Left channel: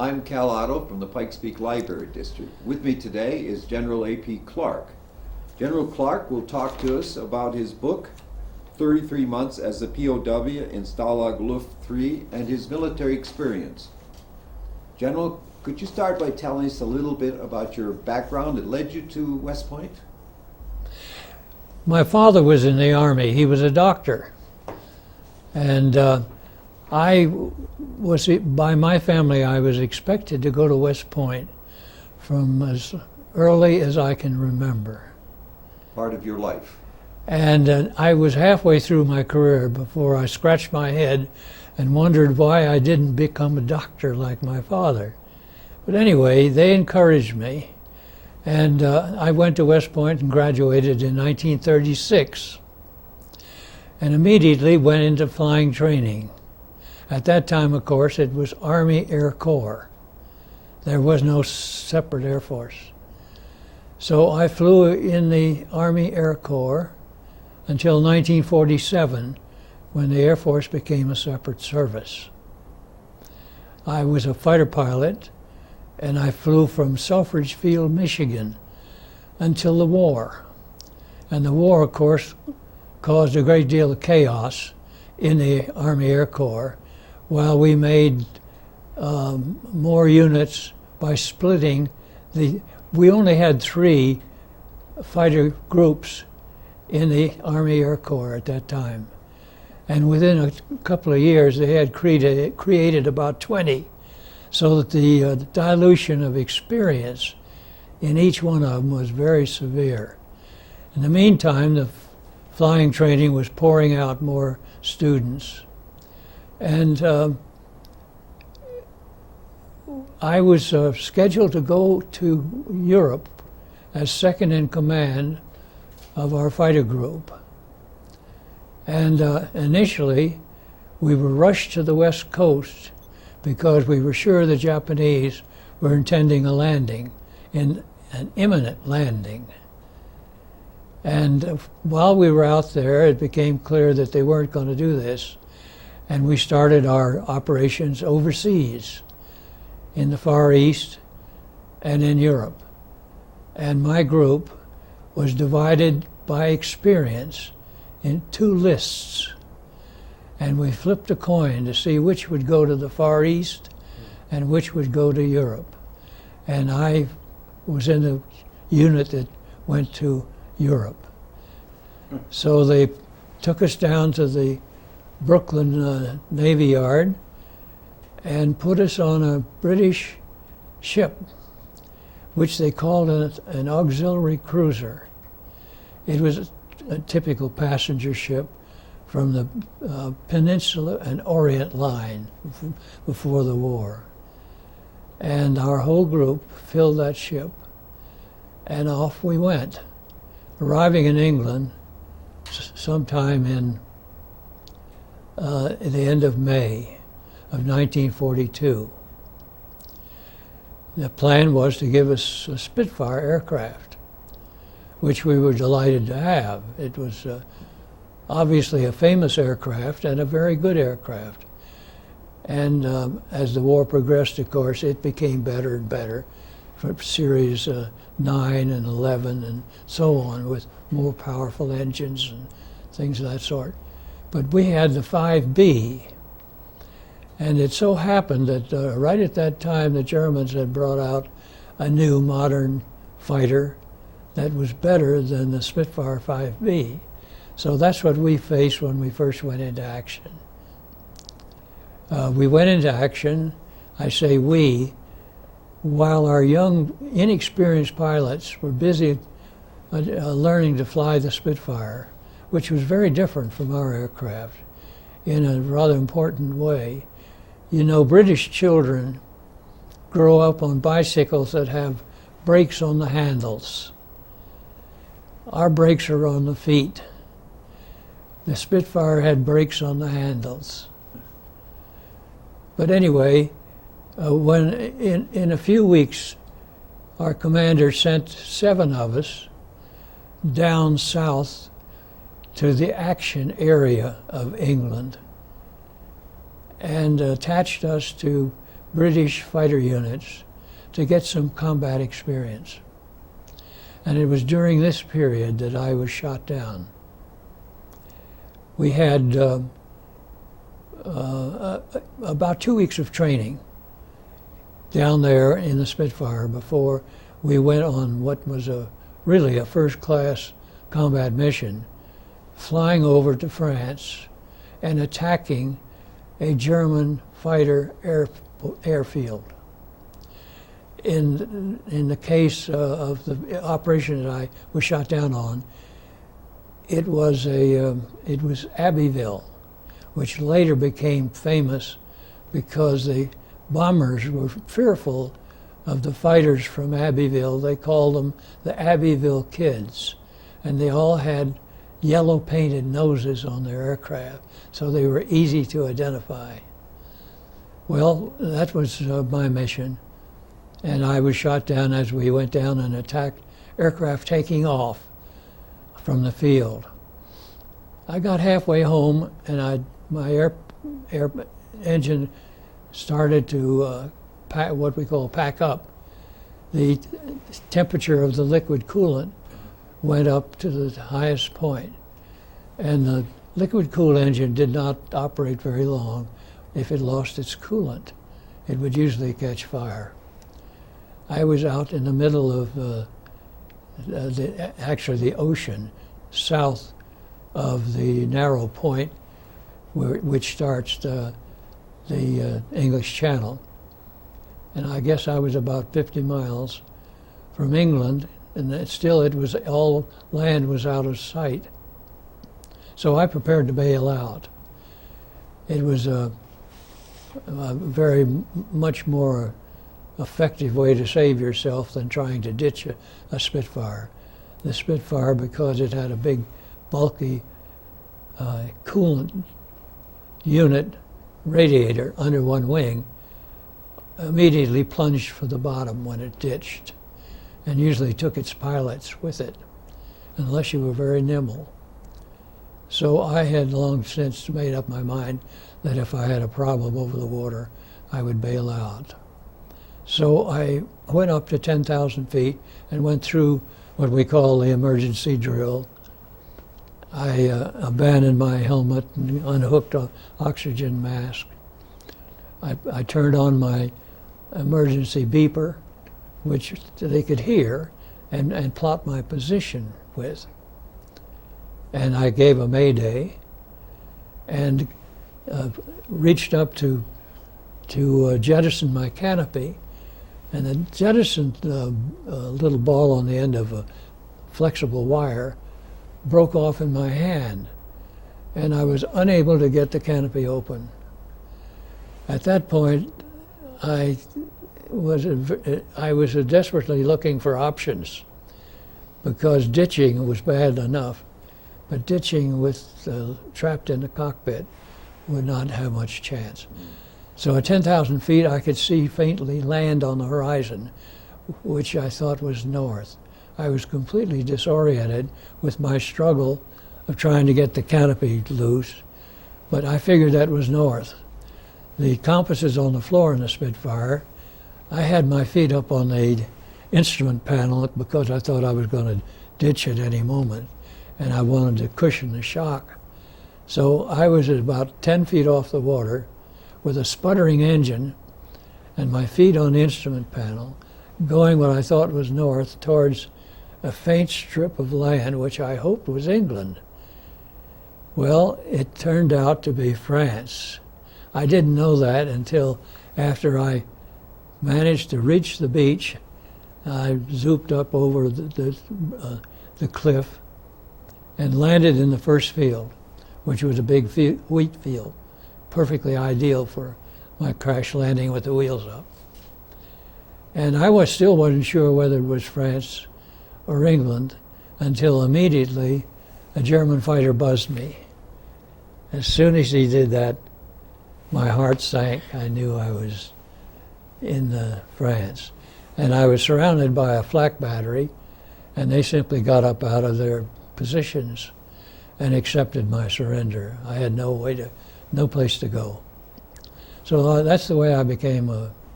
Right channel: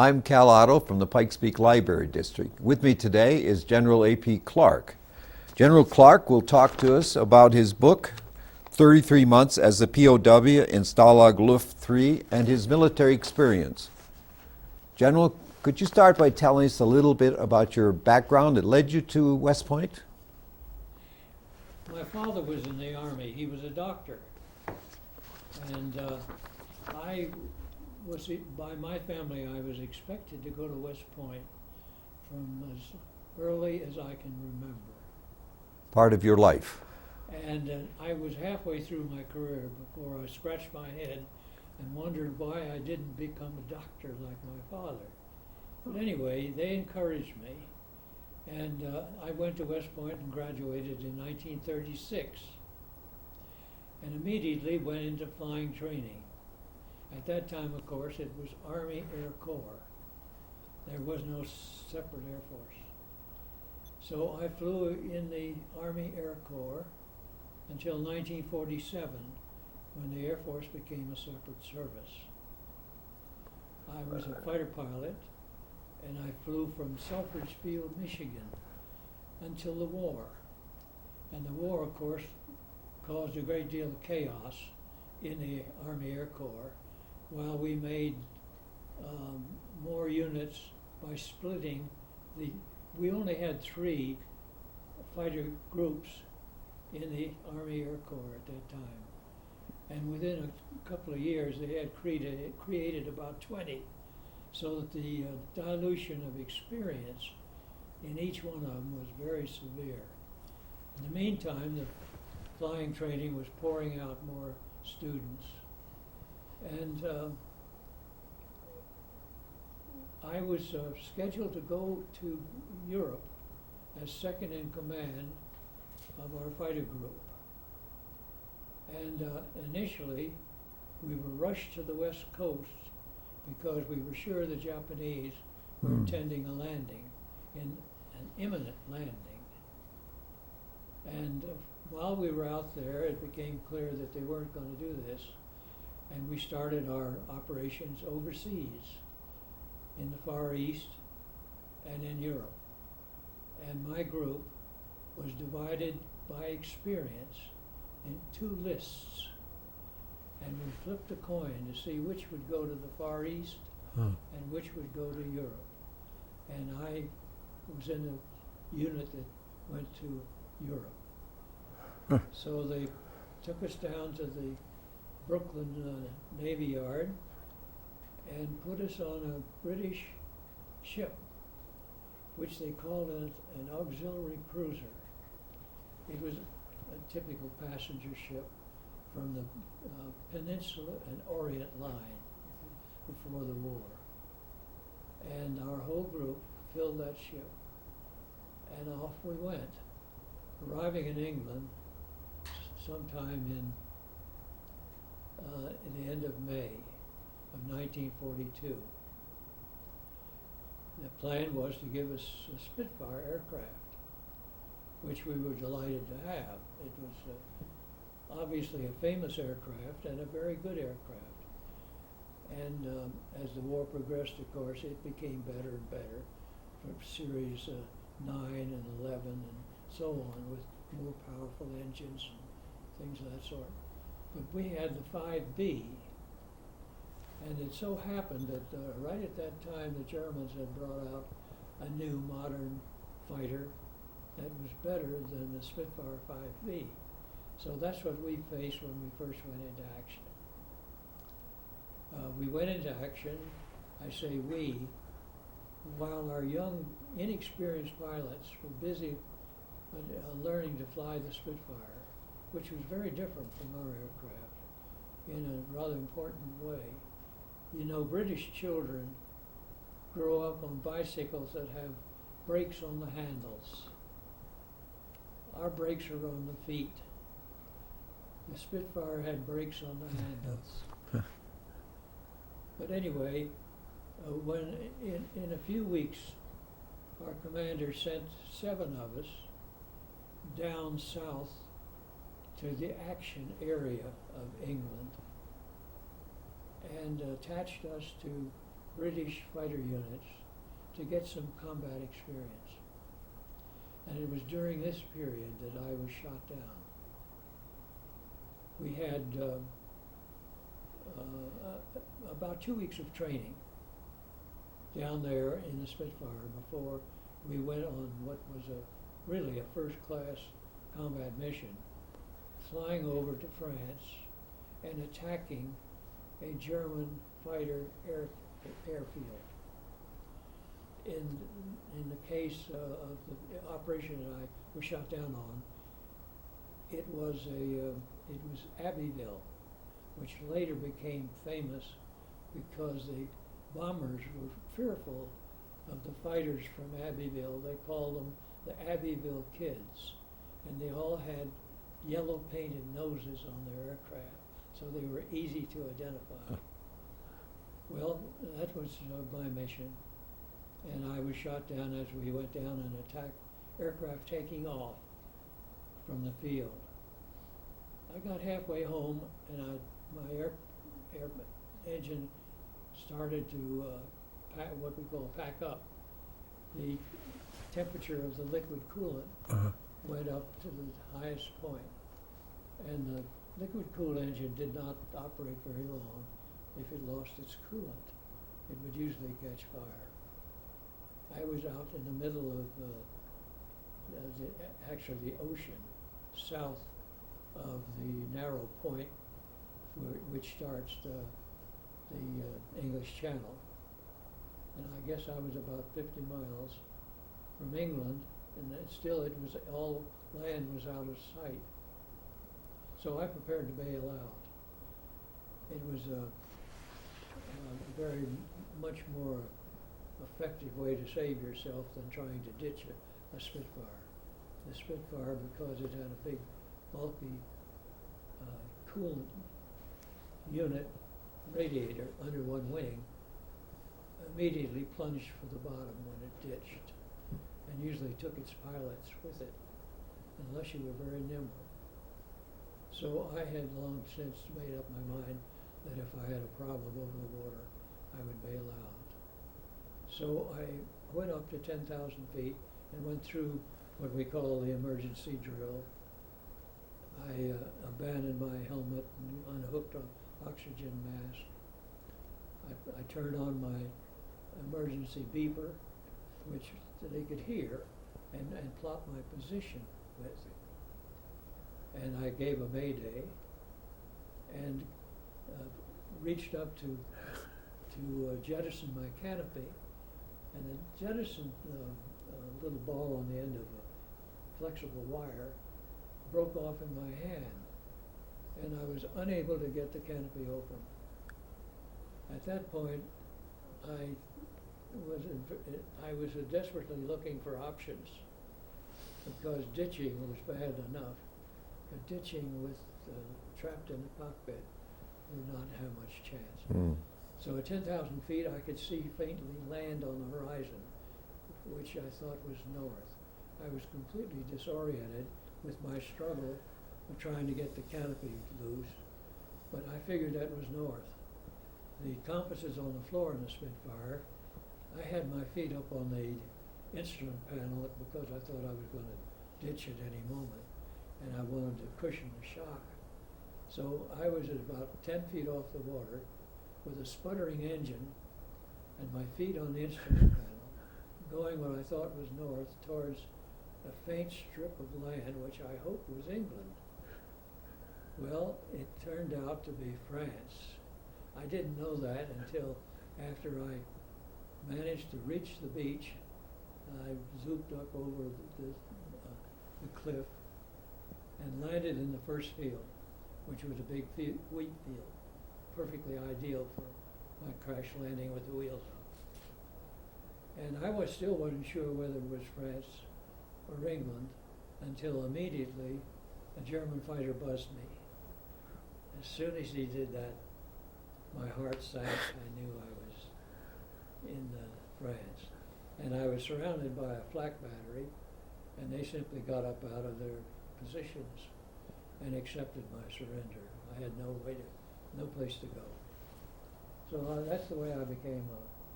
I'm Cal Otto from the Pikes Peak Library District. With me today is General A.P. Clark. General Clark will talk to us about his book, 33 Months as a POW in Stalag Luft III, and his military experience. General, could you start by telling us a little bit about your background that led you to West Point? My father was in the Army. He was a doctor. And by my family, I was expected to go to West Point from as early as I can remember. Part of your life. And I was halfway through my career before I scratched my head and wondered why I didn't become a doctor like my father. But anyway, they encouraged me. And I went to West Point and graduated in 1936 and immediately went into flying training. At that time, of course, it was Army Air Corps. There was no separate Air Force. So I flew in the Army Air Corps until 1947, when the Air Force became a separate service. I was a fighter pilot, and I flew from Selfridge Field, Michigan, until the war. And the war, of course, caused a great deal of chaos in the Army Air Corps, while we made more units by splitting we only had 3 fighter groups in the Army Air Corps at that time. And within a couple of years, they had created about 20, so that the dilution of experience in each one of them was very severe. In the meantime, the flying training was pouring out more students. And I was scheduled to go to Europe as second in command of our fighter group. And initially, we were rushed to the West Coast because we were sure the Japanese were intending a landing, an imminent landing. And while we were out there, it became clear that they weren't going to do this. And we started our operations overseas, in the Far East and in Europe. And my group was divided by experience in 2 lists. And we flipped a coin to see which would go to the Far East and which would go to Europe. And I was in the unit that went to Europe. So they took us down to the Brooklyn Navy Yard and put us on a British ship, which they called an auxiliary cruiser. It was a typical passenger ship from the Peninsula and Orient line before the war. And our whole group filled that ship, and off we went, arriving in England sometime in the end of May of 1942. The plan was to give us a Spitfire aircraft, which we were delighted to have. It was obviously a famous aircraft and a very good aircraft. And as the war progressed, of course, it became better and better for series 9 and 11 and so on, with more powerful engines and things of that sort. But we had the 5B, and it so happened that right at that time, the Germans had brought out a new modern fighter that was better than the Spitfire 5B. So that's what we faced when we first went into action. We went into action, I say we, while our young, inexperienced pilots were busy learning to fly the Spitfire, which was very different from our aircraft in a rather important way. You know, British children grow up on bicycles that have brakes on the handles. Our brakes are on the feet. The Spitfire had brakes on the handles. But anyway, when in a few weeks, our commander sent 7 of us down south to the action area of England and attached us to British fighter units to get some combat experience. And it was during this period that I was shot down. We had about 2 weeks of training down there in the Spitfire before we went on what was really a first-class combat mission, flying over to France and attacking a German fighter airfield. In the case of the operation that I was shot down on, it was Abbeville, which later became famous because the bombers were fearful of the fighters from Abbeville. They called them the Abbeville Kids, and they all had yellow painted noses on their aircraft, so they were easy to identify. Well, that was my mission, and I was shot down as we went down and attacked aircraft taking off from the field. I got halfway home, and my air engine started to what we call pack up. The temperature of the liquid coolant went up to the highest point, and the liquid cooled engine did not operate very long. If it lost its coolant, it would usually catch fire. I was out in the middle of actually the ocean, south of the narrow point which starts the English Channel. And I guess I was about 50 miles from England, and still all land was out of sight. So I prepared to bail out. It was a very much more effective way to save yourself than trying to ditch a Spitfire. The Spitfire, because it had a big, bulky coolant unit radiator under one wing, immediately plunged for the bottom when it ditched, and usually took its pilots with it, unless you were very nimble. So I had long since made up my mind that if I had a problem over the water, I would bail out. So I went up to 10,000 feet and went through what we call the emergency drill. I abandoned my helmet and unhooked an oxygen mask. I turned on my emergency beeper, which they could hear, and plot my position with. And I gave a mayday and reached up to jettison my canopy, and the jettisoned little ball on the end of a flexible wire broke off in my hand, and I was unable to get the canopy open. At that point, I was desperately looking for options, because ditching was bad enough, but ditching with trapped in the cockpit would not have much chance. So at 10,000 feet, I could see faintly land on the horizon, which I thought was north. I was completely disoriented with my struggle of trying to get the canopy loose, but I figured that was north. The compass is on the floor in the Spitfire. I had my feet up on the instrument panel because I thought I was going to ditch at any moment, and I wanted to cushion the shock. So I was at about 10 feet off the water with a sputtering engine and my feet on the instrument panel, going what I thought was north towards a faint strip of land which I hoped was England. Well, it turned out to be France. I didn't know that until after I managed to reach the beach. I zooped up over the cliff and landed in the first field, which was a big wheat field, perfectly ideal for my crash landing with the wheels up. And I still wasn't sure whether it was France or England until immediately a German fighter buzzed me. As soon as he did that, my heart sank. I knew I was in France. And I was surrounded by a flak battery, and they simply got up out of their positions and accepted my surrender. I had no place to go. So that's the way I became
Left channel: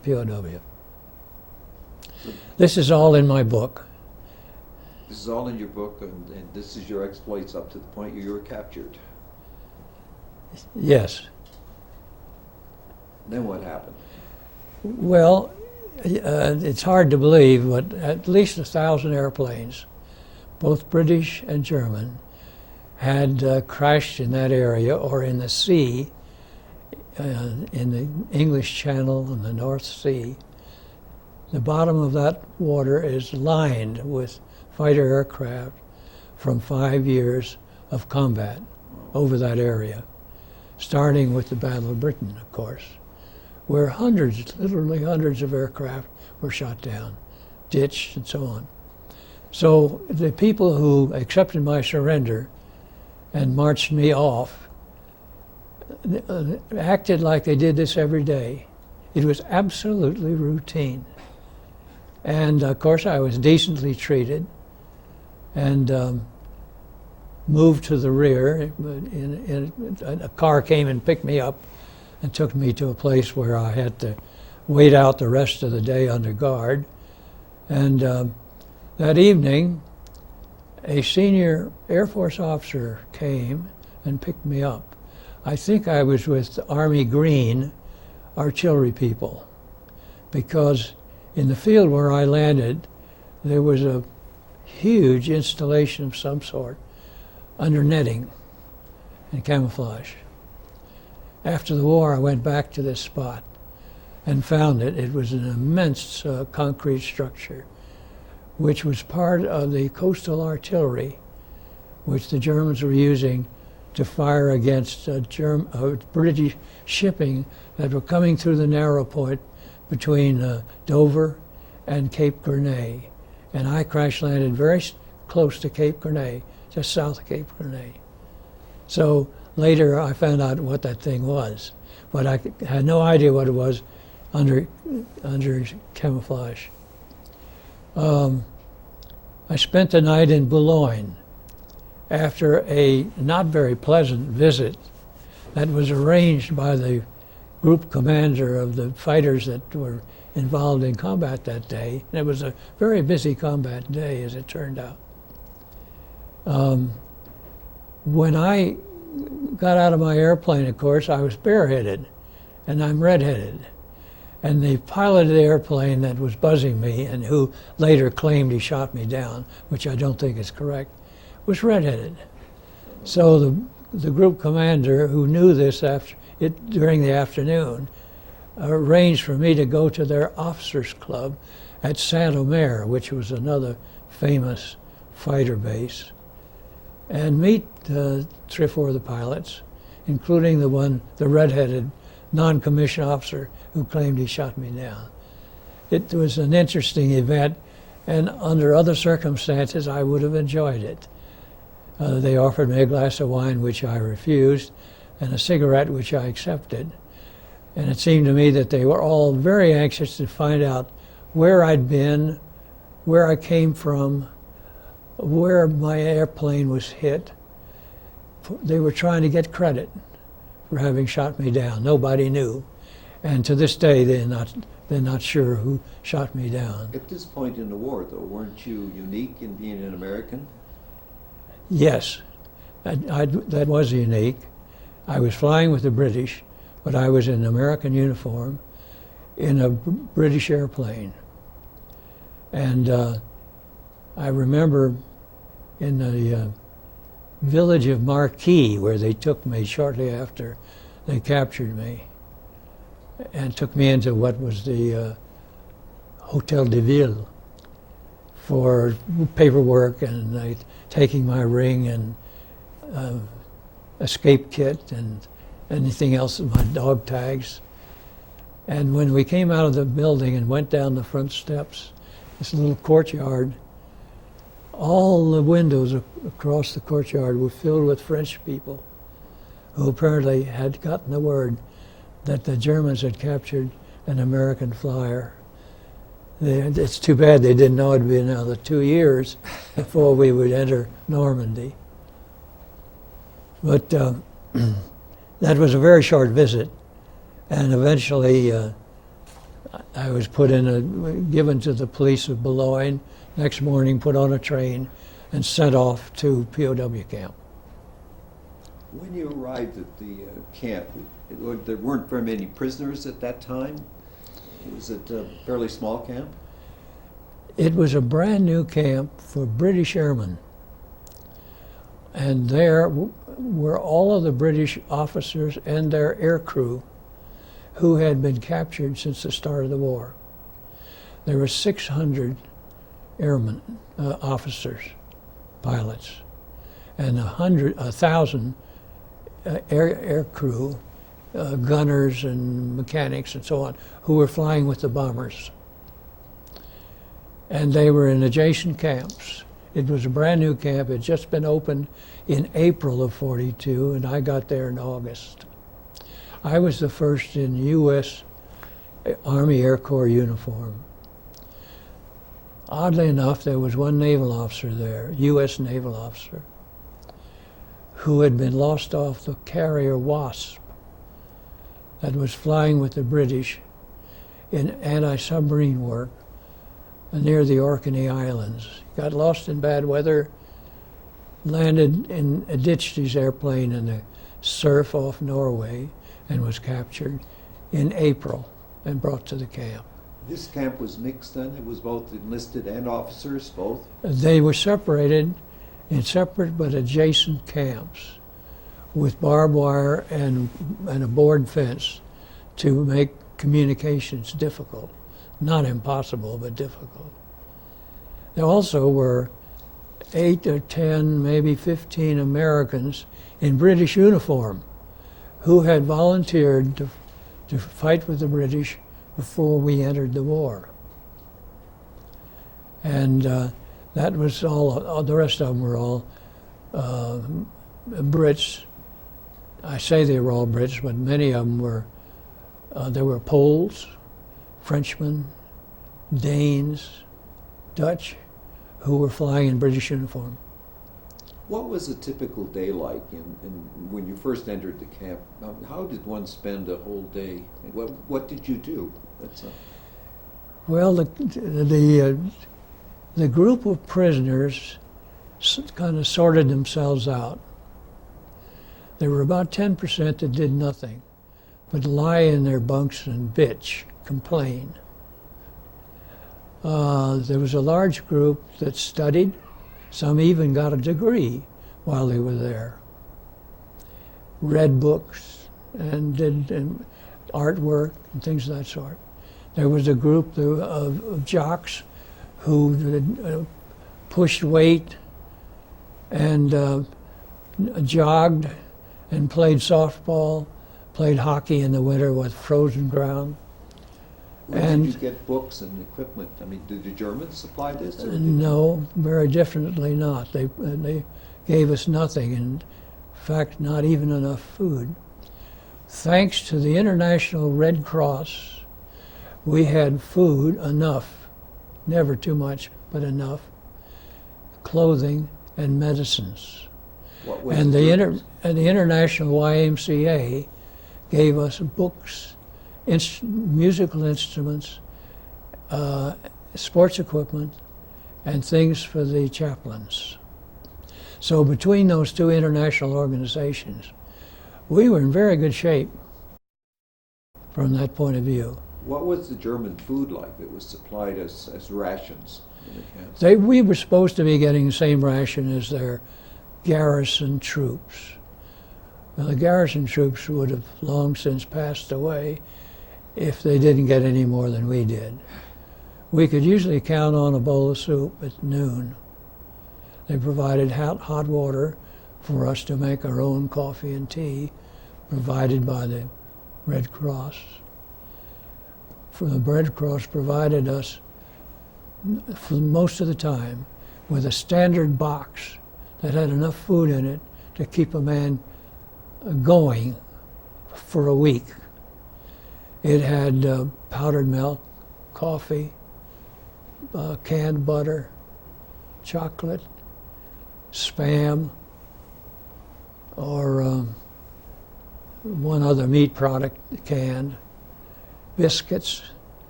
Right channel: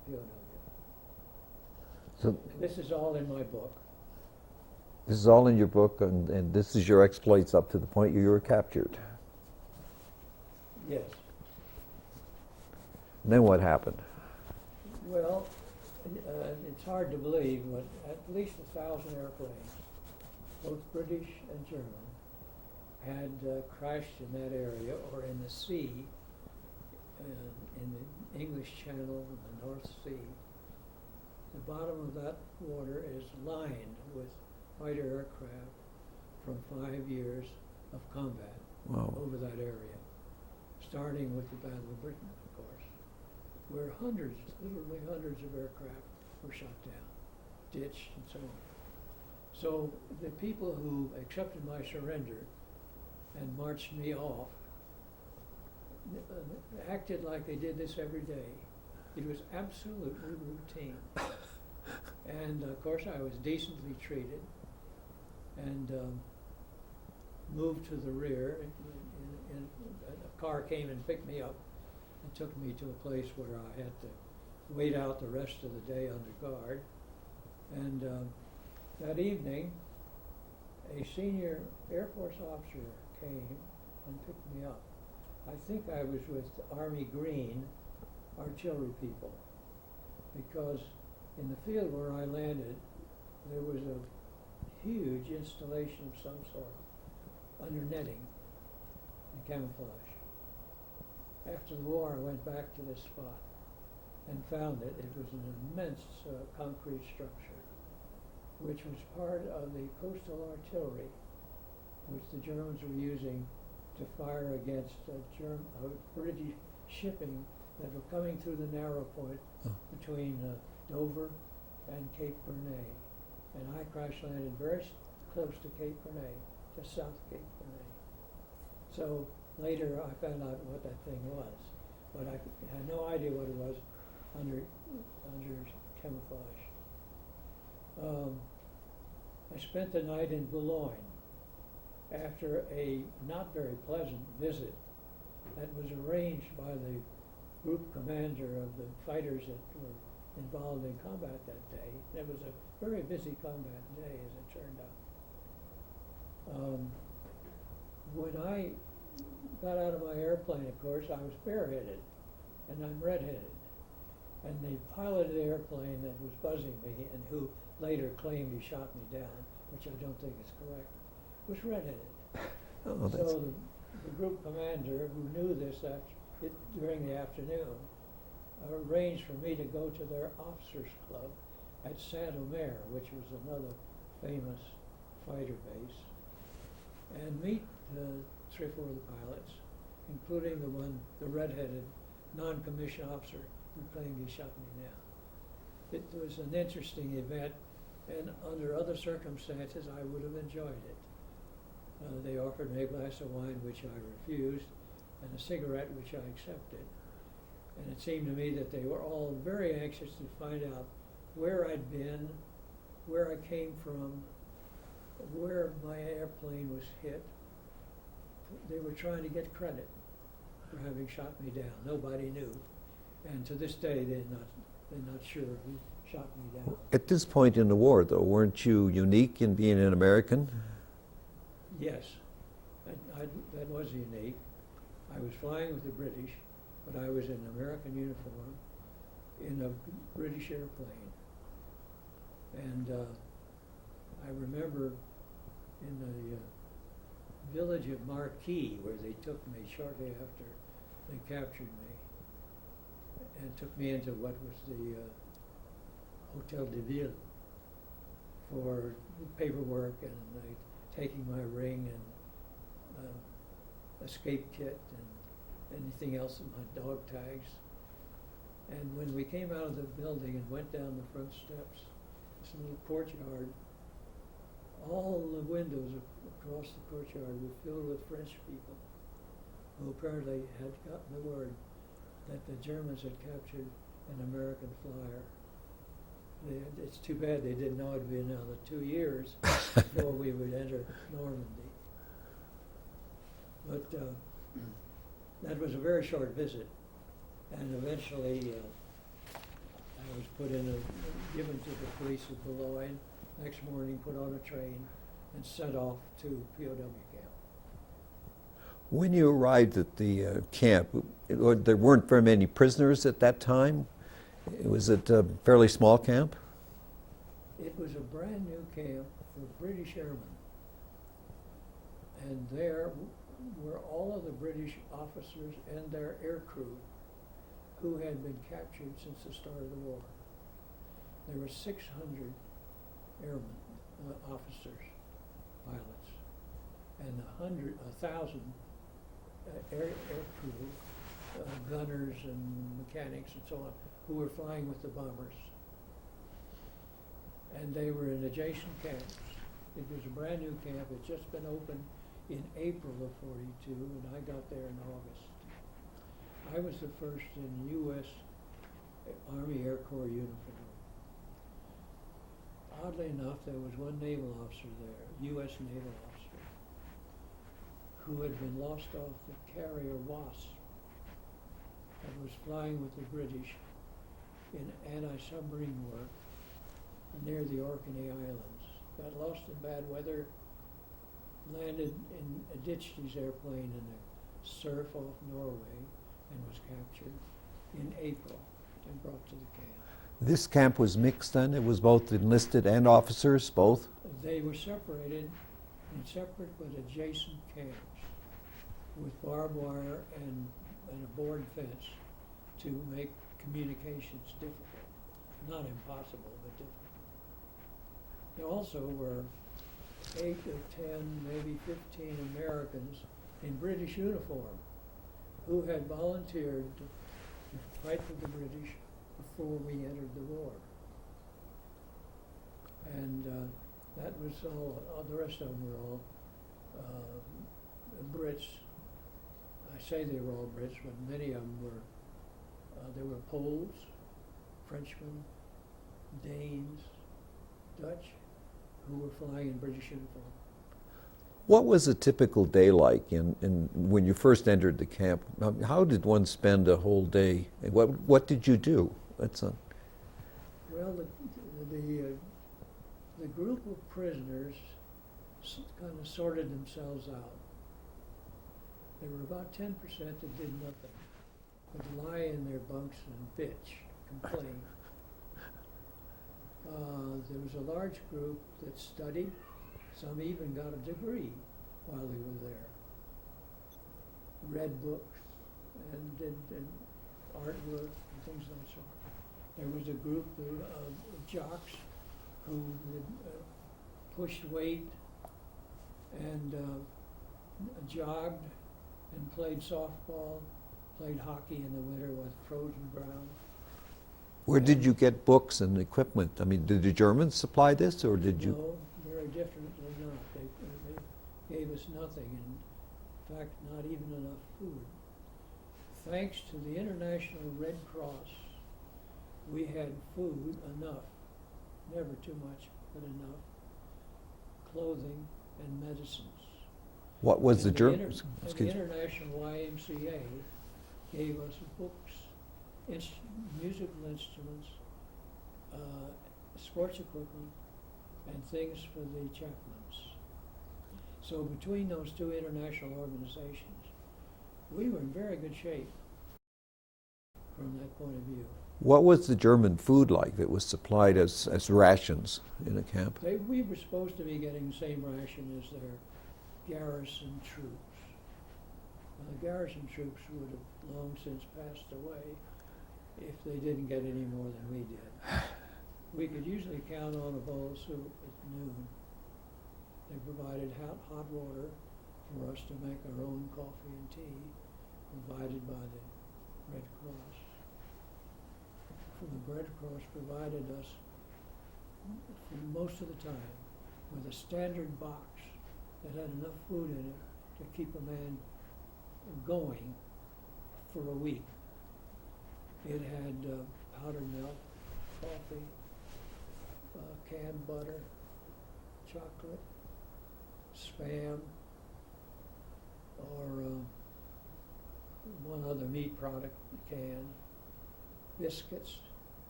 POW. So This is all in my book. this is all in your book, and this is your exploits up to the point you were captured. Yes. And then what happened? Well, it's hard to believe, but at least 1,000 airplanes, both British and German, had crashed in that area or in the sea, in the English Channel and the North Sea. The bottom of that water is lined with fighter aircraft from 5 years of combat over that area, starting with the Battle of Britain, of course, where hundreds, literally hundreds of aircraft were shot down, ditched, and so on. So the people who accepted my surrender and marched me off acted like they did this every day. It was absolutely routine. And of course I was decently treated and moved to the rear. A car came and picked me up and took me to a place where I had to wait out the rest of the day under guard. And that evening, a senior Air Force officer came and picked me up. I think I was with the Army Green artillery people, because in the field where I landed, there was a huge installation of some sort under netting and camouflage. After the war, I went back to this spot and found it. It was an immense concrete structure, which was part of the coastal artillery, which the Germans were using to fire against British shipping that were coming through the narrow point between Dover and Cape Grenay. And I crash landed very close to Cape Grenay, just south of Cape Grenay. So later I found out what that thing was, but I had no idea what it was under camouflage. I spent the night in Boulogne after a not very pleasant visit that was arranged by the group commander of the fighters that were involved in combat that day. And it was a very busy combat day, as it turned out. When I got out of my airplane, of course, I was bareheaded, and I'm redheaded. And the pilot of the airplane that was buzzing me, and who later claimed he shot me down, which I don't think is correct, was redheaded. So the group commander, who knew this during the afternoon, arranged for me to go to their officers' club at Saint-Omer, which was another famous fighter base, and meet 3 or 4 of the pilots, including the redheaded non-commissioned officer who claimed he shot me down. It was an interesting event, and under other circumstances I would have enjoyed it. They offered me a glass of wine, which I refused, and a cigarette, which I accepted. And it seemed to me that they were all very anxious to find out where I'd been, where I came from, where my airplane was hit. They were trying to get credit for having shot me down. Nobody knew. And to this day, they're not sure who shot me down. At this point in the war, though, weren't you unique in being an American? Yes, that was unique. I was flying with the British, but I was in an American uniform in a British airplane. And I remember in the village of Marquis, where they took me shortly after they captured me, and took me into what was the Hotel de Ville for paperwork and taking my ring and escape kit and anything else, my dog tags. And when we came out of the building and went down the front steps, this little courtyard, all the windows across the courtyard were filled with French people who apparently had gotten the word that the Germans had captured an American flyer. It's too bad they didn't know it'd be another 2 years before we would enter Normandy. But that was a very short visit, and eventually I was given to the police of Boulogne. Next morning, put on a train and sent off to POW camp. When you arrived at the camp, there weren't very many prisoners at that time? Was it a fairly small camp? It was a brand new camp for British airmen. And there were all of the British officers and their air crew who had been captured since the start of the war. There were 600 airmen, officers, pilots, and 1,000 air crew, gunners and mechanics and so on, who were flying with the bombers. And they were in adjacent camps. It was a brand new camp. It had just been opened in April of '42, and I got there in August. I was the first in U.S. Army Air Corps uniform. Oddly enough, there was one naval officer there, U.S. naval officer, who had been lost off the carrier Wasp that was flying with the British in anti-submarine work near the Orkney Islands. Got lost in bad weather, ditched his airplane in the surf off Norway, and was captured in April and brought to the camp. This camp was mixed then? It was both enlisted and officers, both? They were separated in separate but adjacent camps with barbed wire and a board fence to make communications difficult. Not impossible, but difficult. There also were 8 or 10, maybe 15 Americans in British uniform who had volunteered to fight with the British before we entered the war. And that was all, the rest of them were all Brits. I say they were all Brits, but many of them were, there were Poles, Frenchmen, Danes, Dutch, who were flying in British uniform. What was a typical day like when you first entered the camp? How did one spend a whole day? What did you do? Well, the group of prisoners kind of sorted themselves out. There were about 10% that did nothing, but lie in their bunks and bitch, complain. There was a large group that studied. Some even got a degree while they were there. Read books and did artwork and things of that sort. There was a group of jocks who pushed weight and jogged and played softball, played hockey in the winter with frozen ground. Where did you get books and equipment? I mean, did the Germans supply this? Or did No, very definitely not. They gave us nothing, and in fact, not even enough food. Thanks to the International Red Cross, we had food, enough, never too much, but enough, clothing and medicines. What was And the the International YMCA gave us books, musical instruments, sports equipment, and things for the chaplains. So between those two international organizations, we were in very good shape from that point of view. What was the German food like that was supplied as rations in the camps? We were supposed to be getting the same ration as their garrison troops. Well, the garrison troops would have long since passed away if they didn't get any more than we did. We could usually count on a bowl of soup at noon. They provided hot water for us to make our own coffee and tea, provided by the Red Cross. For the Red Cross provided us, for most of the time, with a standard box that had enough food in it to keep a man going for a week. It had powdered milk, coffee, canned butter, chocolate, Spam, or one other meat product canned, biscuits,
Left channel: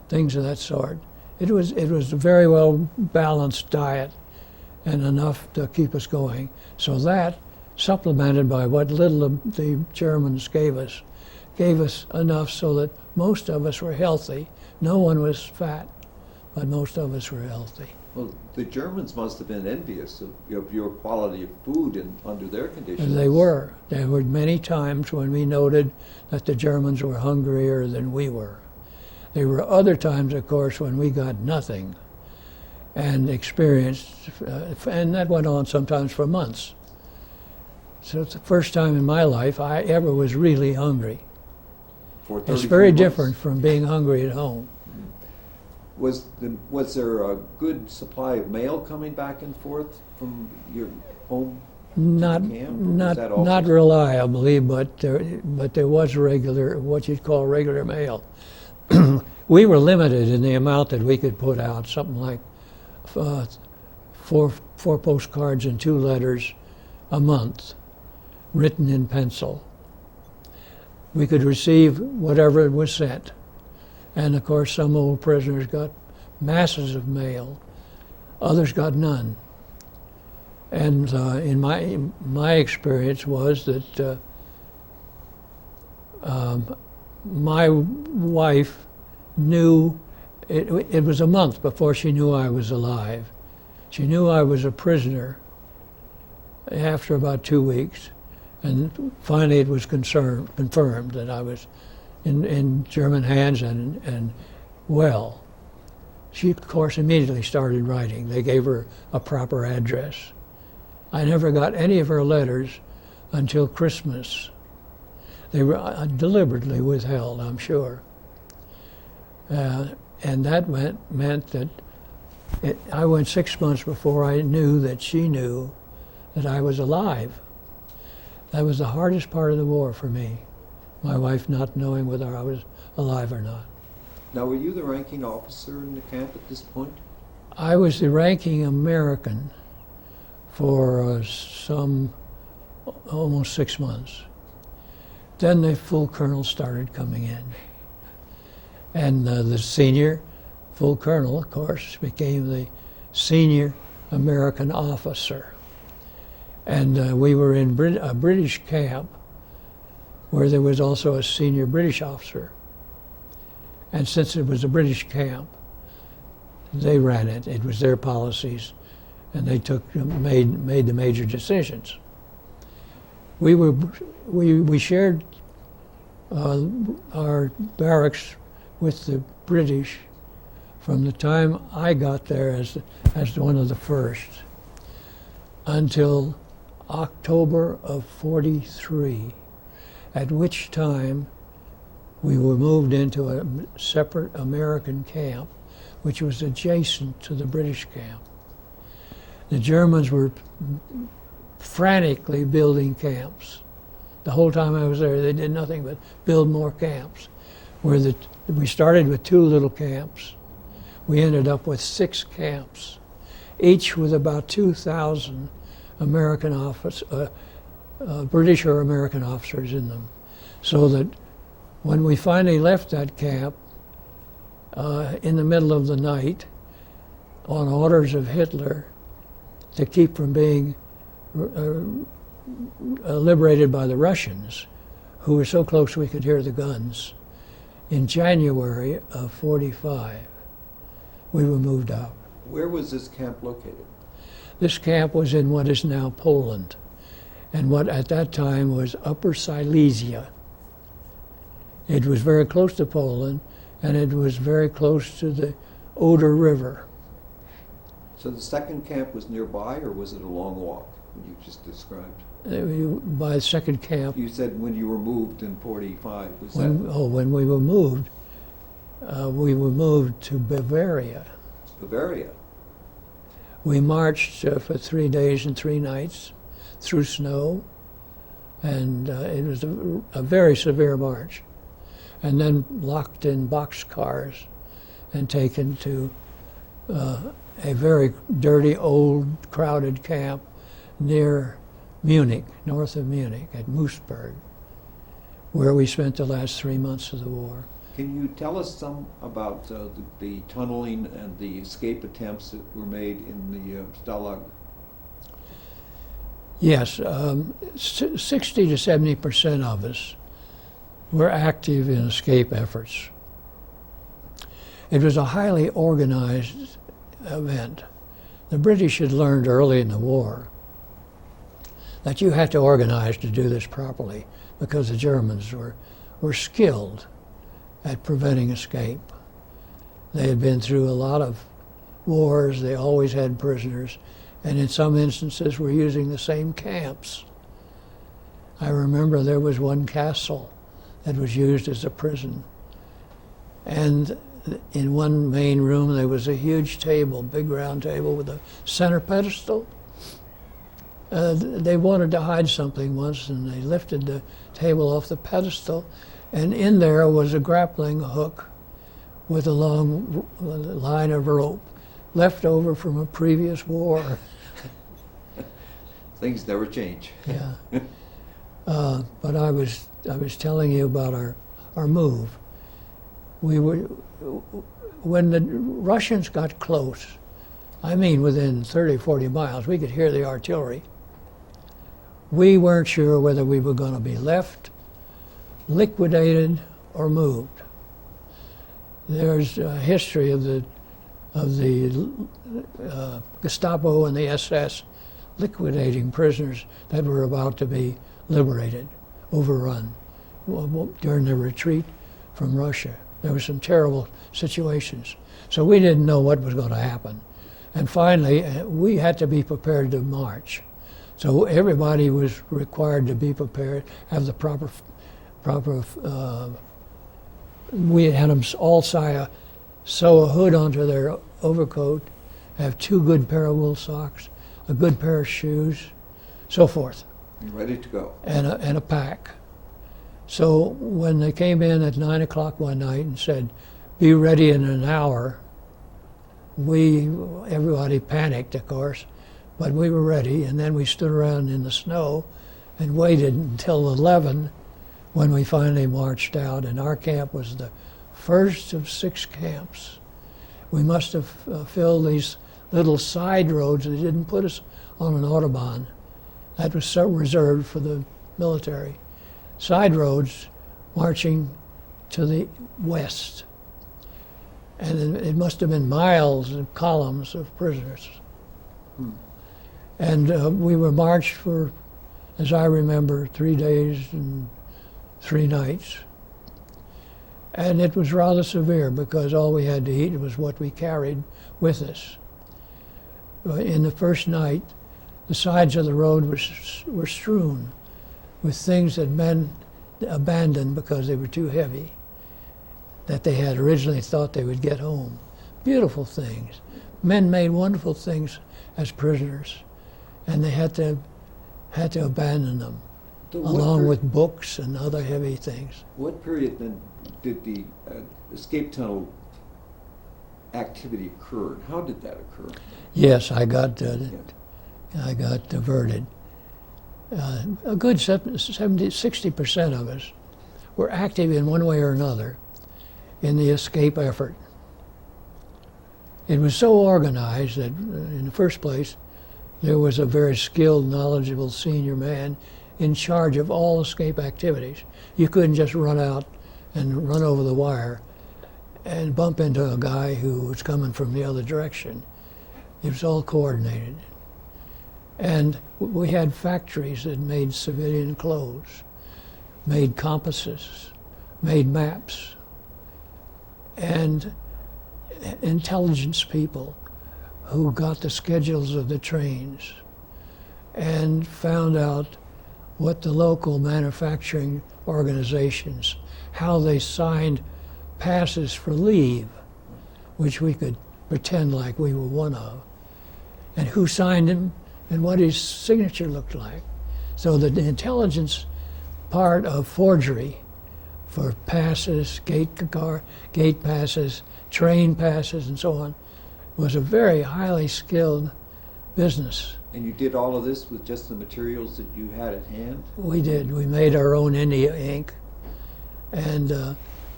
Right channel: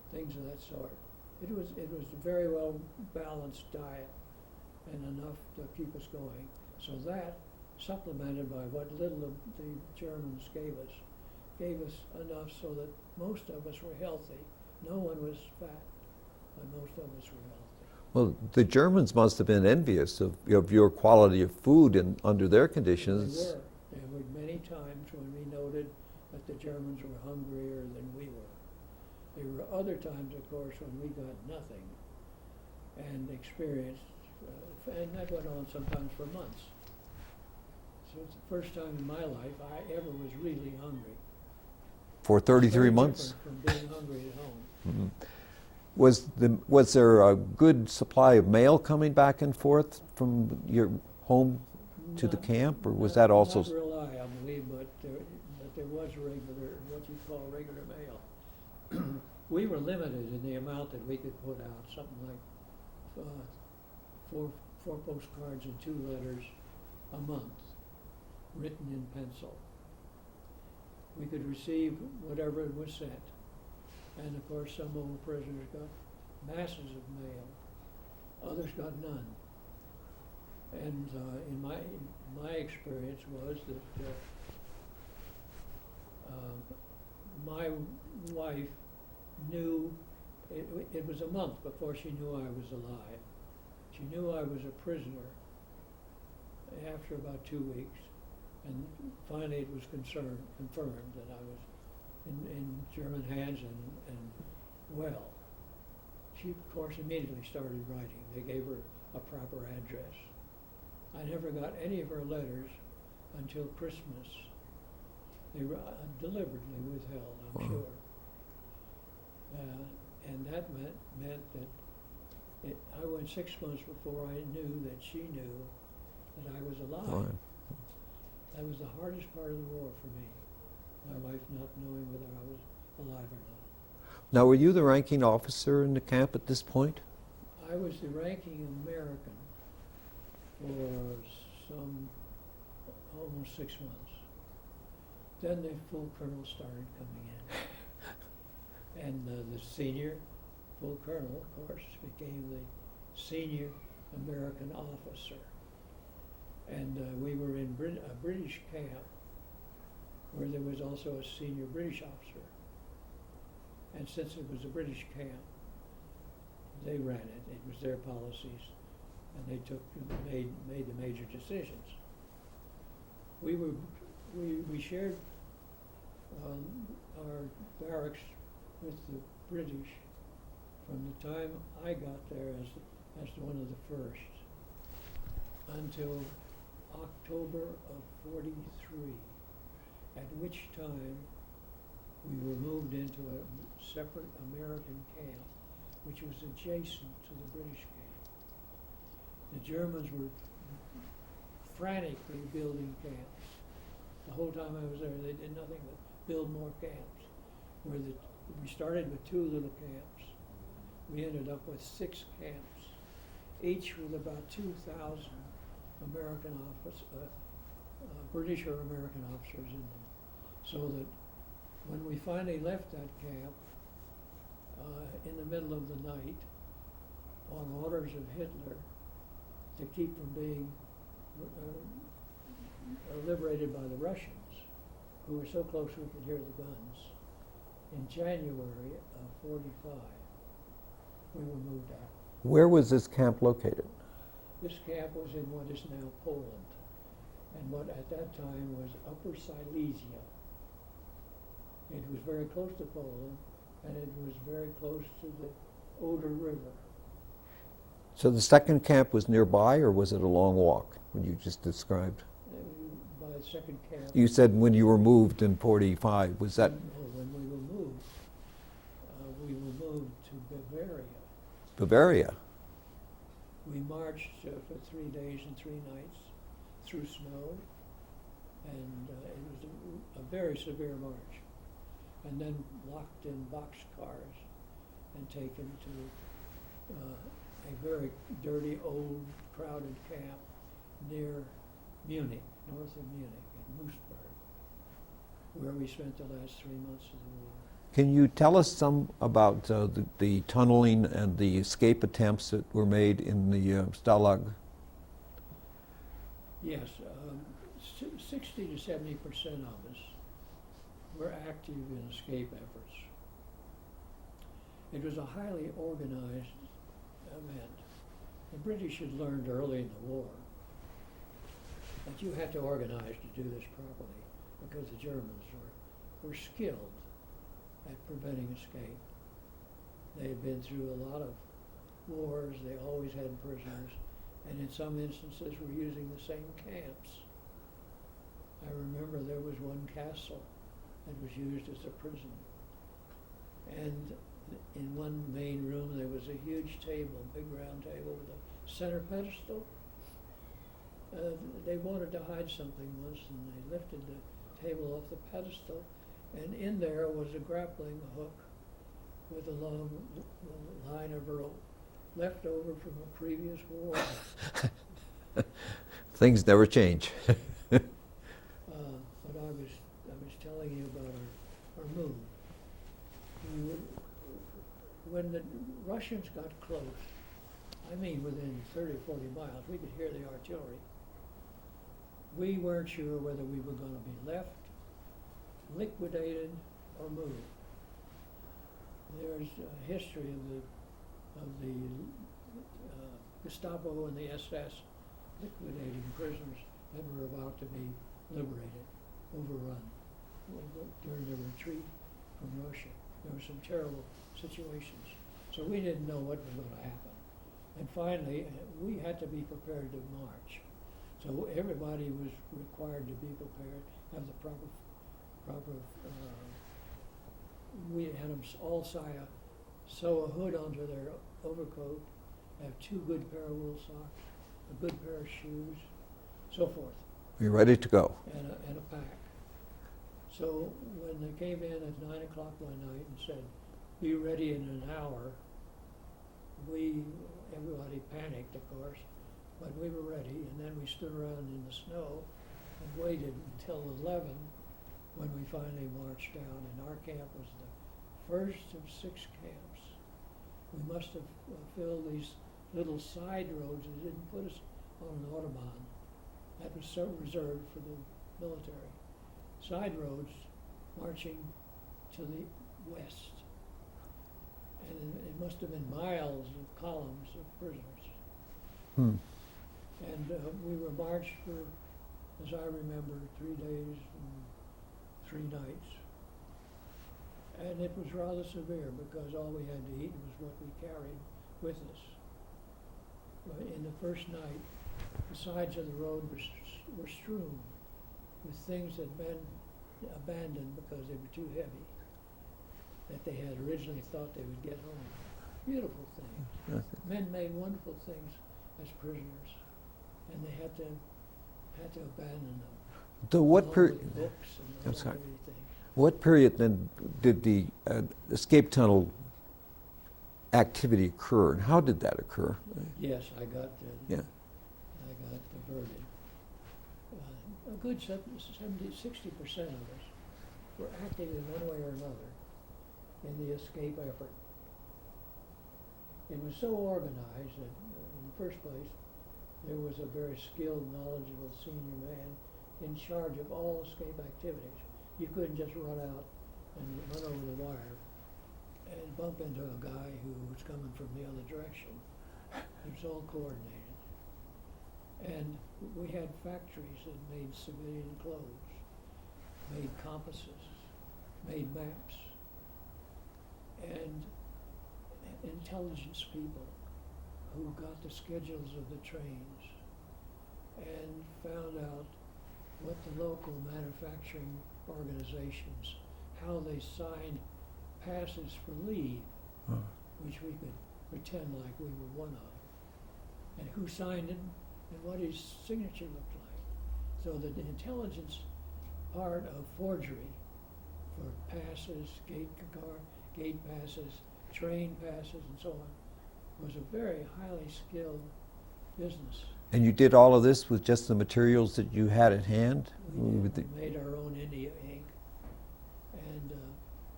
things of that sort. It was a very well balanced diet and enough to keep us going. So that, supplemented by what little the Germans gave us enough so that most of us were healthy. No one was fat, but most of us were healthy. Well, the Germans must have been envious of your quality of food and under their conditions. And they were. There were many times when we noted that the Germans were hungrier than we were. There were other times, of course, when we got nothing and experienced, and that went on sometimes for months. So it's the first time in my life I ever was really hungry. For 33 It's very months? different from being hungry at home. Mm-hmm. Was there a good supply of mail coming back and forth from your home to the camp? Or was that also Not reliably, but there was regular, what you'd call regular mail. We were limited in the amount that we could put out, something like four postcards and 2 letters a month, written in pencil. We could receive whatever was sent. And of course, some old prisoners got masses of mail. Others got none. And in my experience was that my wife knew, it was a month before she knew I was alive. She knew I was a prisoner after about 2 weeks. And finally it was confirmed that I was in German hands and well. She, of course, immediately started writing. They gave her a proper address. I never got any of her letters until Christmas. They were deliberately withheld, I'm sure. And that meant that I went 6 months before I knew that she knew that I was alive. That was the hardest part of the war for me, my wife not knowing whether I was alive or not. Now, were you the ranking officer in the camp at this point? I was the ranking American for almost 6 months. Then the full colonels started coming in. And the senior full colonel, of course, became the senior American officer. And we were in a British camp where there was also a senior British officer. And since it was a British camp, they ran it. It was their policies, and they made the major decisions. We shared our barracks with the British from the time I got there as one of the first until October of '43, at which time we were moved into a separate American camp, which was adjacent to the British camp. The Germans were frantically building camps. The whole time I was there, they did nothing but build more camps. We started with 2 little camps. We ended up with 6 camps, each with about 2,000 American British or American officers in them. So that when we finally left that camp in the middle of the night, on orders of Hitler, to keep from being liberated by the Russians, who were so close we could hear the guns, in January of '45, we were moved out. Where was this camp located? This camp was in what is now Poland, and what at that time was Upper Silesia. It was very close to Poland, and it was very close to the Oder River. So the second camp was nearby, or was it a long walk, you just described? By the second camp. You said when you were moved in '45, was that? When we were moved to Bavaria. Bavaria? We marched for 3 days and 3 nights through snow, and it was a very severe march. And then locked in boxcars and taken to a very dirty, old, crowded camp near Munich, north of Munich, at Moosburg, where we spent the last 3 months of the war. Can you tell us some about the tunneling and the escape attempts that were made in the Stalag? Yes, 60 to 70% of us were active in escape efforts. It was a highly organized event. The British had learned early in the war that you had to organize to do this properly because the Germans were skilled at preventing escape. They had been through a lot of wars, they always had prisoners, and in some instances were using the same camps. I remember there was one castle that was used as a prison. And in one main room there was a huge table, big round table with a center pedestal. They wanted to hide something once and they lifted the table off the pedestal, and in there was a grappling hook with a long line of rope left over from a previous war. Things never change. Yeah. But I was telling you about our move. When the Russians got close, I mean within 30, 40 miles, we could hear the artillery. We weren't sure whether we were going to be left, liquidated, or moved. There's a history of the Gestapo and the SS liquidating prisoners that were about to be liberated, overrun, during the retreat from Russia. There were some terrible situations. So we didn't know what was going to happen. And finally, we had to be prepared to march. So everybody was required to be prepared, have the proper we had them all sew a hood onto their overcoat, have 2 good pair of wool socks, a good pair of shoes, so forth. You're ready to go. And a pack. So when they came in at 9 o'clock one night and said, be ready in an hour, everybody panicked, of course, but we were ready, and then we stood around in the snow and waited until 11 when we finally marched out, and our camp was the first of 6 camps. We must have filled these little side roads that didn't put us on an Autobahn. That was so reserved for the military. Side roads marching to the west. And it must have been miles of columns of prisoners. And we were marched for, as I remember, 3 days and 3 nights. And it was rather severe because all we had to eat was what we carried with us. In the first night, the sides of the road were strewn with things that men abandoned because they were too heavy, that they had originally thought they would get home. Beautiful things. Men made wonderful things as prisoners, and they had to abandon them, along with books and other heavy things. What period then did the escape tunnel activity occur, and how did that occur? Yes, I got diverted. A good 60% of us were active in one way or another in the escape effort. It was so organized that, in the first place, there was a very skilled, knowledgeable senior man in charge of all escape activities. You couldn't just run out and run over the wire and bump into a guy who was coming from the other direction. It was all coordinated. And we had factories that made civilian clothes, made compasses, made maps, and intelligence people who got the schedules of the trains and found out what the local manufacturing organizations, how they signed passes for leave, which we could pretend like we were one of, and who signed them and what his signature looked like. So the intelligence part of forgery for passes, gate passes, train passes, and so on, was a very highly skilled business. And you did all of this with just the materials that you had at hand? We did. We made our own India ink, and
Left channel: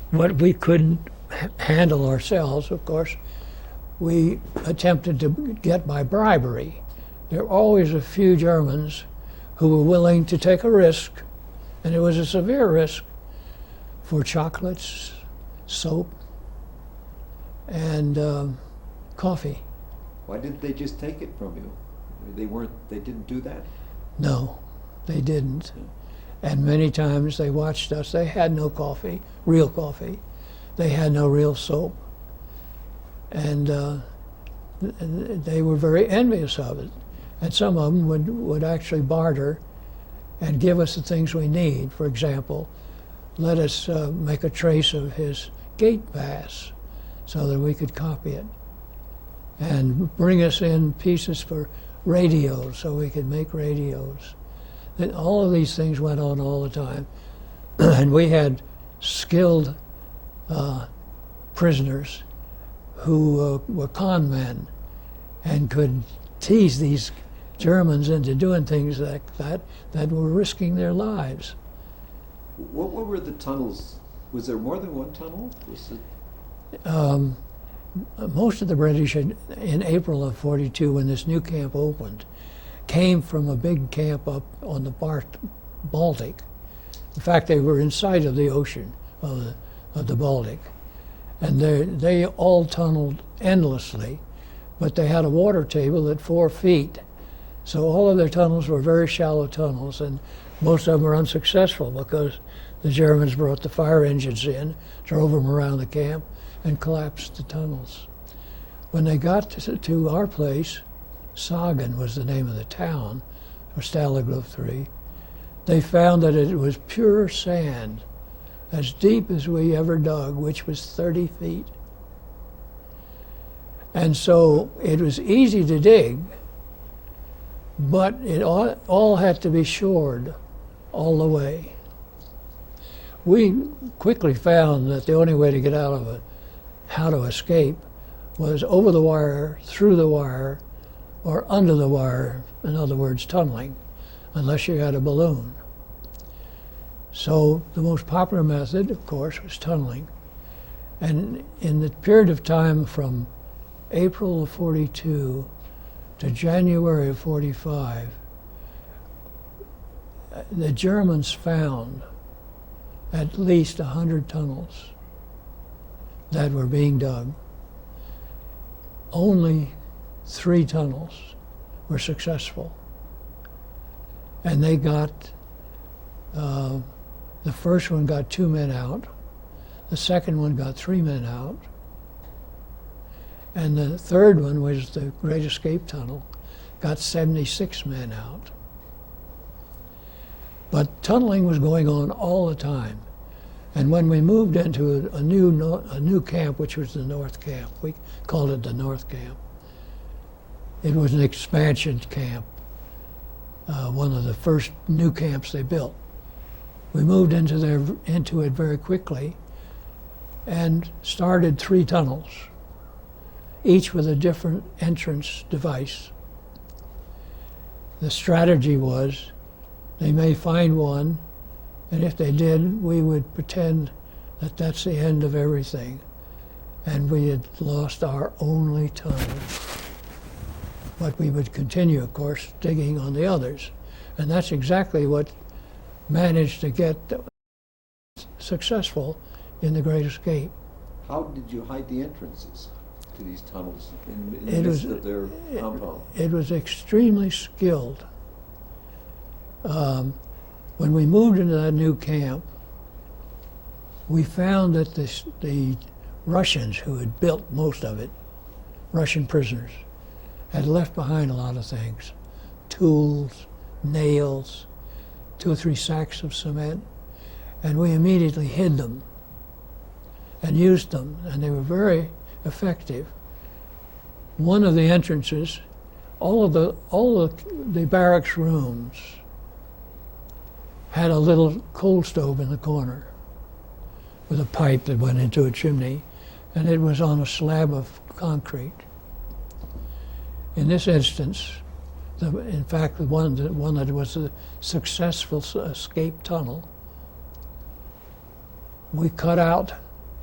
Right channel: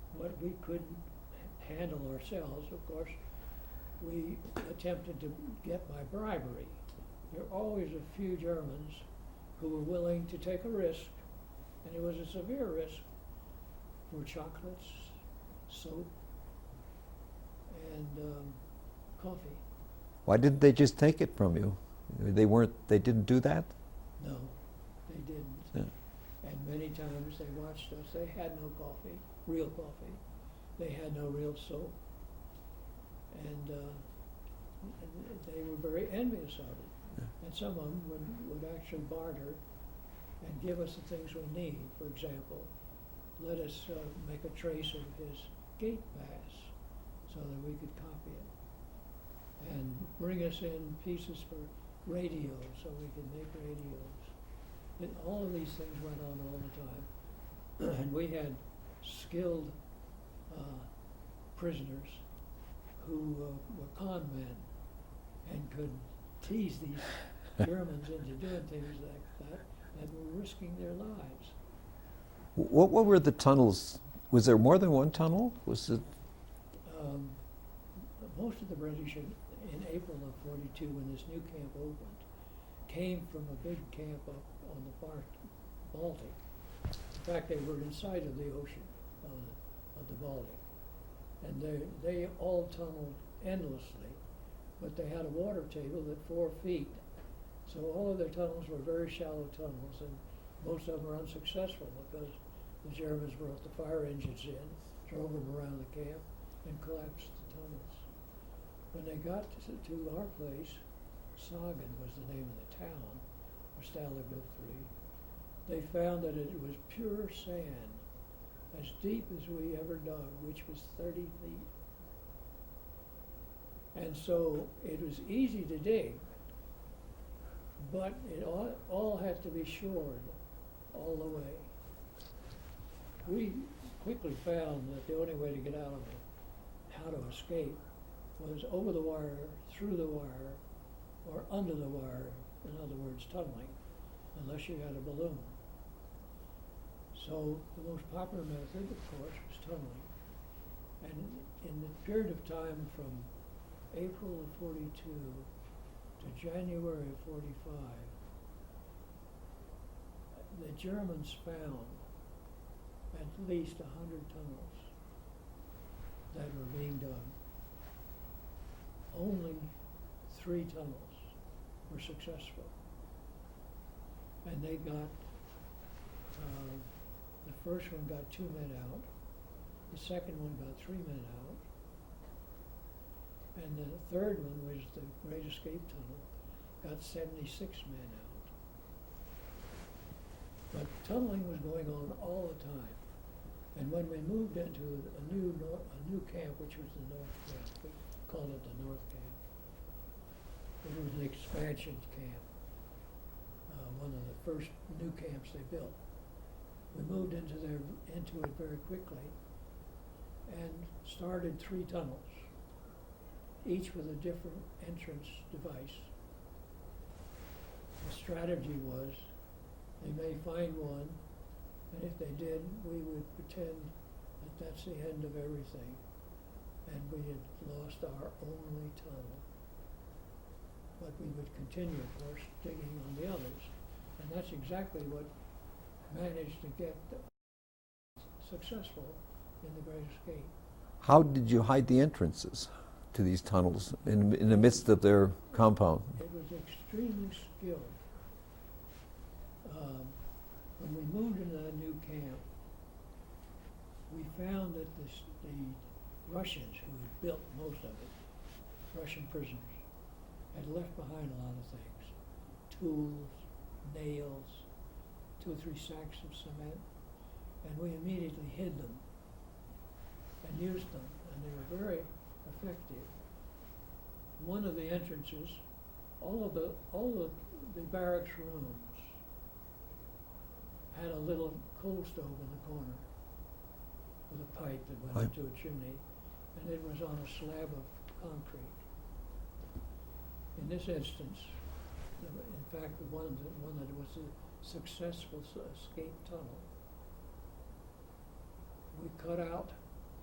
what we couldn't handle ourselves, of course, we attempted to get by bribery. There were always a few Germans who were willing to take a risk, and it was a severe risk, for chocolates, soap, and coffee. Why didn't they just take it from you? They didn't do that? No, they didn't. Yeah. And many times they watched us. They had no coffee, real coffee. They had no real soap. And they were very envious of it. And some of them would actually barter and give us the things we need. For example, let us make a trace of his gate pass so that we could copy it, and bring us in pieces for radios so we could make radios. And all of these things went on all the time. And we had skilled prisoners who were con men and could tease these Germans into doing things like that were risking their lives. What were the tunnels? Was there more than one tunnel? Was it? Most of the British in April of '42, when this new camp opened, came from a big camp up on the Baltic. In fact, they were in sight of the ocean, of the Baltic. And they all tunneled endlessly, but they had a water table at 4 feet. So all of their tunnels were very shallow tunnels, and most of them were unsuccessful because the Germans brought the fire engines in, drove them around the camp, and collapsed the tunnels. When they got to our place, Sagen was the name of the town, or Stalag Luft III, they found that it was pure sand, as deep as we ever dug, which was 30 feet. And so it was easy to dig, but it all had to be shored all the way. We quickly found that the only way to get out of it, how to escape, was over the wire, through the wire, or under the wire, in other words, tunneling, unless you had a balloon. So the most popular method, of course, was tunneling. And in the period of time from April of '42 to January of '45, the Germans found at least 100 tunnels that were being dug. Only 3 tunnels were successful. And they got, the first one got 2 men out, the second one got 3 men out, and the third one, was the Great Escape Tunnel, got 76 men out. But tunneling was going on all the time. And when we moved into a new camp, which was the North Camp, we called it the North Camp. It was an expansion camp, one of the first new camps they built. We moved into it very quickly and started 3 tunnels, each with a different entrance device. The strategy was, they may find one, and if they did, we would pretend that that's the end of everything, and we had lost our only tunnel. But we would continue, of course, digging on the others. And that's exactly what managed to get successful in the Great Escape. How did you hide the entrances to these tunnels in the midst of their compound? It was extremely skilled. When we moved into that new camp, we found that the Russians who had built most of it, Russian prisoners, had left behind a lot of things: tools, nails, 2 or 3 sacks of cement, and we immediately hid them and used them, and they were very effective. One of the entrances, all of the barracks rooms had a little coal stove in the corner with a pipe that went into a chimney, and it was on a slab of concrete. In this instance, in fact, the one that was a successful escape tunnel, we cut out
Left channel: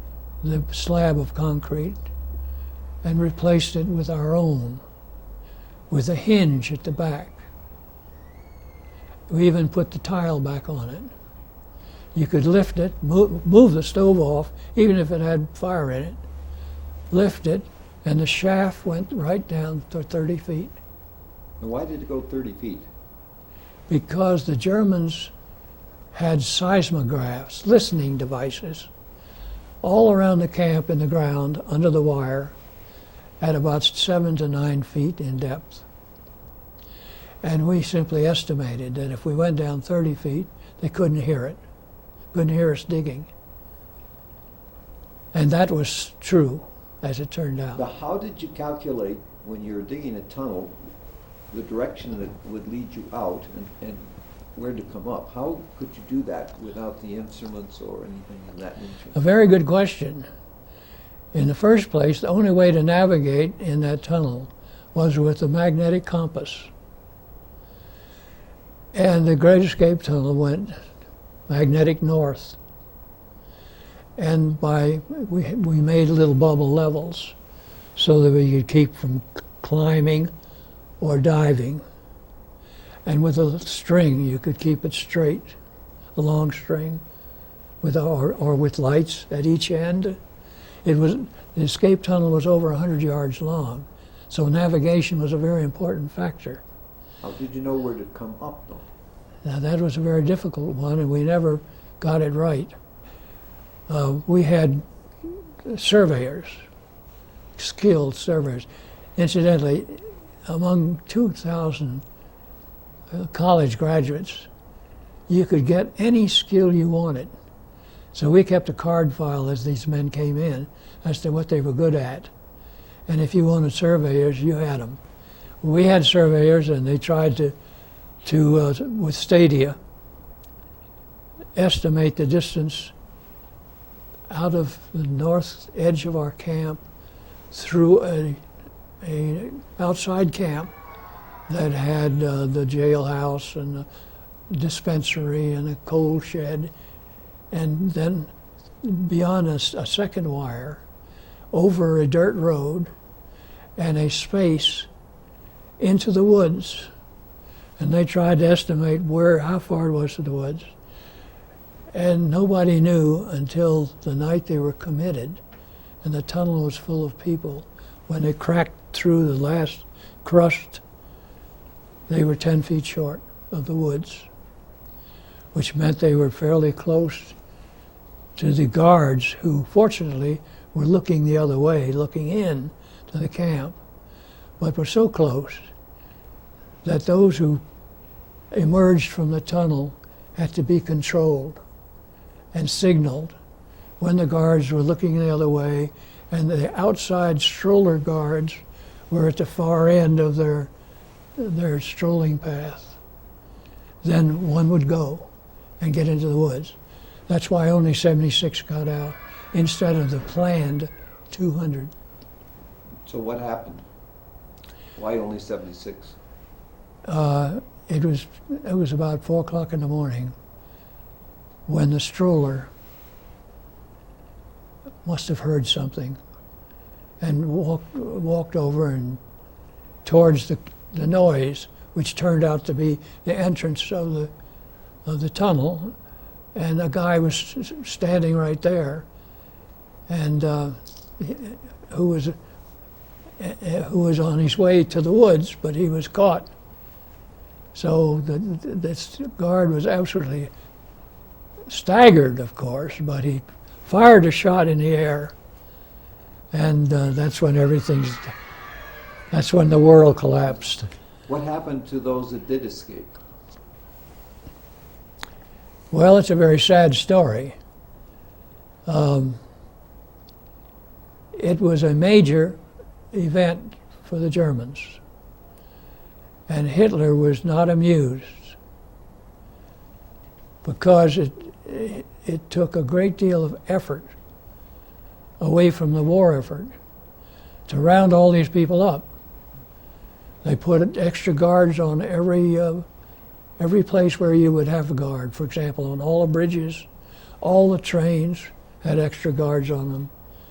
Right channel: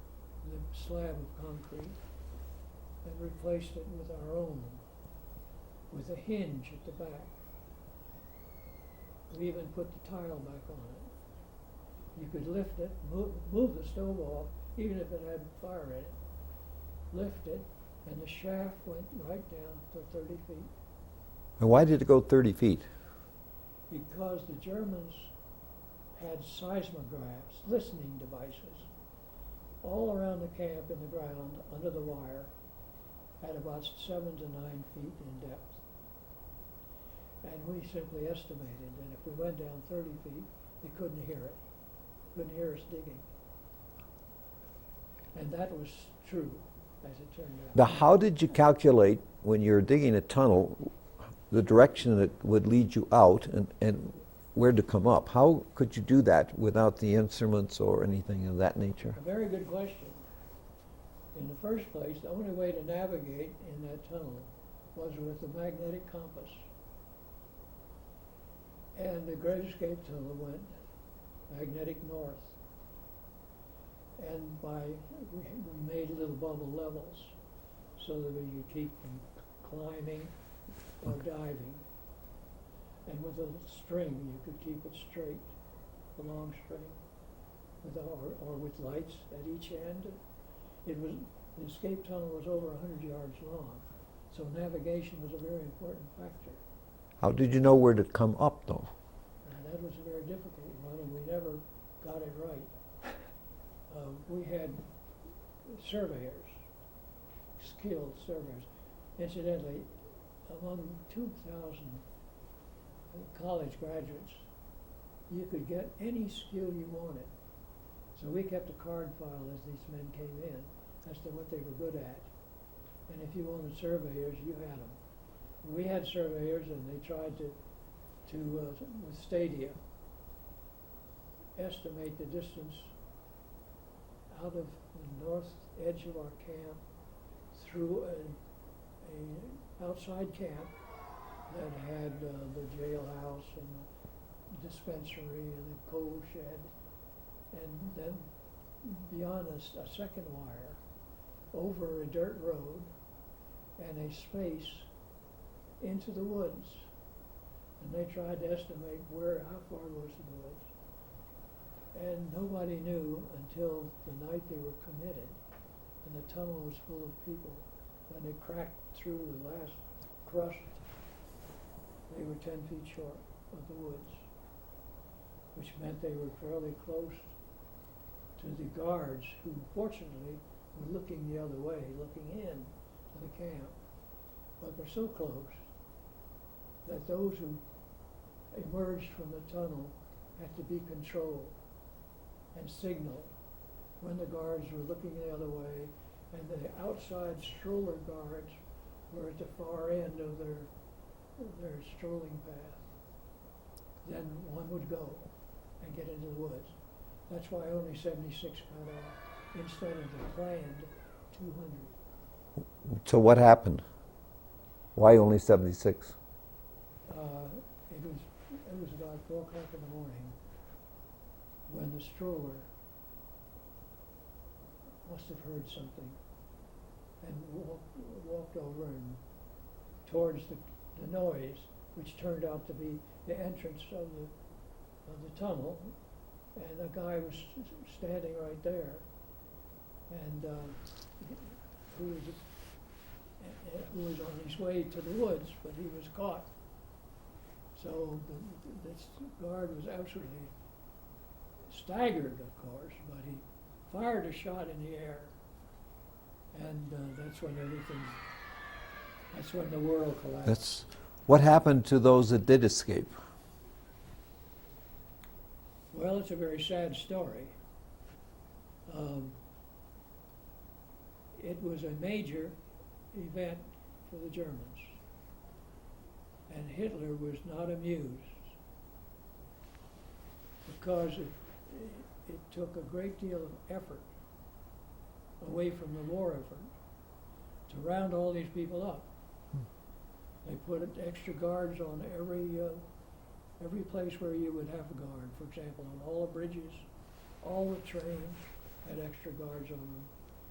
the slab of concrete and replaced it with our own, with a hinge at the back. We even put the tile back on it. You could lift it, move the stove off, even if it had fire in it, lift it, and the shaft went right down to 30 feet. And why did it go 30 feet? Because the Germans had seismographs, listening devices, all around the camp in the ground, under the wire, at about 7 to 9 feet in depth. And we simply estimated that if we went down 30 feet, they couldn't hear it, couldn't hear us digging. And that was true, as it turned out. Now, how did you calculate, when you're digging a tunnel, the direction that would lead you out and where to come up? How could you do that without the instruments or anything of that nature? A very good question. In the first place, the only way to navigate in that tunnel was with a magnetic compass. And the Great Escape Tunnel went magnetic north. And we made little bubble levels so that we could keep from climbing or diving. And with a string, you could keep it straight, a long string, or with lights at each end. The escape tunnel was over 100 yards long, so navigation was a very important factor. How did you know where to come up, though? Now, that was a very difficult one, and we never got it right. We had surveyors, skilled surveyors. Incidentally, among 2,000 college graduates, you could get any skill you wanted. So we kept a card file as these men came in as to what they were good at. And if you wanted surveyors, you had them. We had surveyors, and they tried to with stadia, estimate the distance out of the north edge of our camp through a outside camp that had the jailhouse and the dispensary and a coal shed, and then beyond a second wire, over a dirt road and a space into the woods. And they tried to estimate how far it was to the woods. And nobody knew until the night they were committed, and the tunnel was full of people. When they cracked through the last crust, they were 10 feet short of the woods, which meant they were fairly close to the guards, who fortunately were looking the other way, looking in to the camp, but were so close that those who emerged from the tunnel had to be controlled and signaled when the guards were looking the other way, and the outside stroller guards were at the far end of their strolling path. Then one would go and get into the woods. That's why only 76 got out instead of the planned 200. So what happened? Why only 76? It was about 4 o'clock in the morning when the stroller must have heard something and walked over and towards the noise, which turned out to be the entrance of the tunnel, and a guy was standing right there, and who was on his way to the woods, but he was caught. So this guard was absolutely staggered, of course, but he fired a shot in the air, and that's when the world collapsed. What happened to those that did escape? Well, it's a very sad story. It was a major event for the Germans, and Hitler was not amused, because it took a great deal of effort away from the war effort to round all these people up. They put extra guards on every place where you would have a guard. For example, on all the bridges, all the trains had extra guards on them.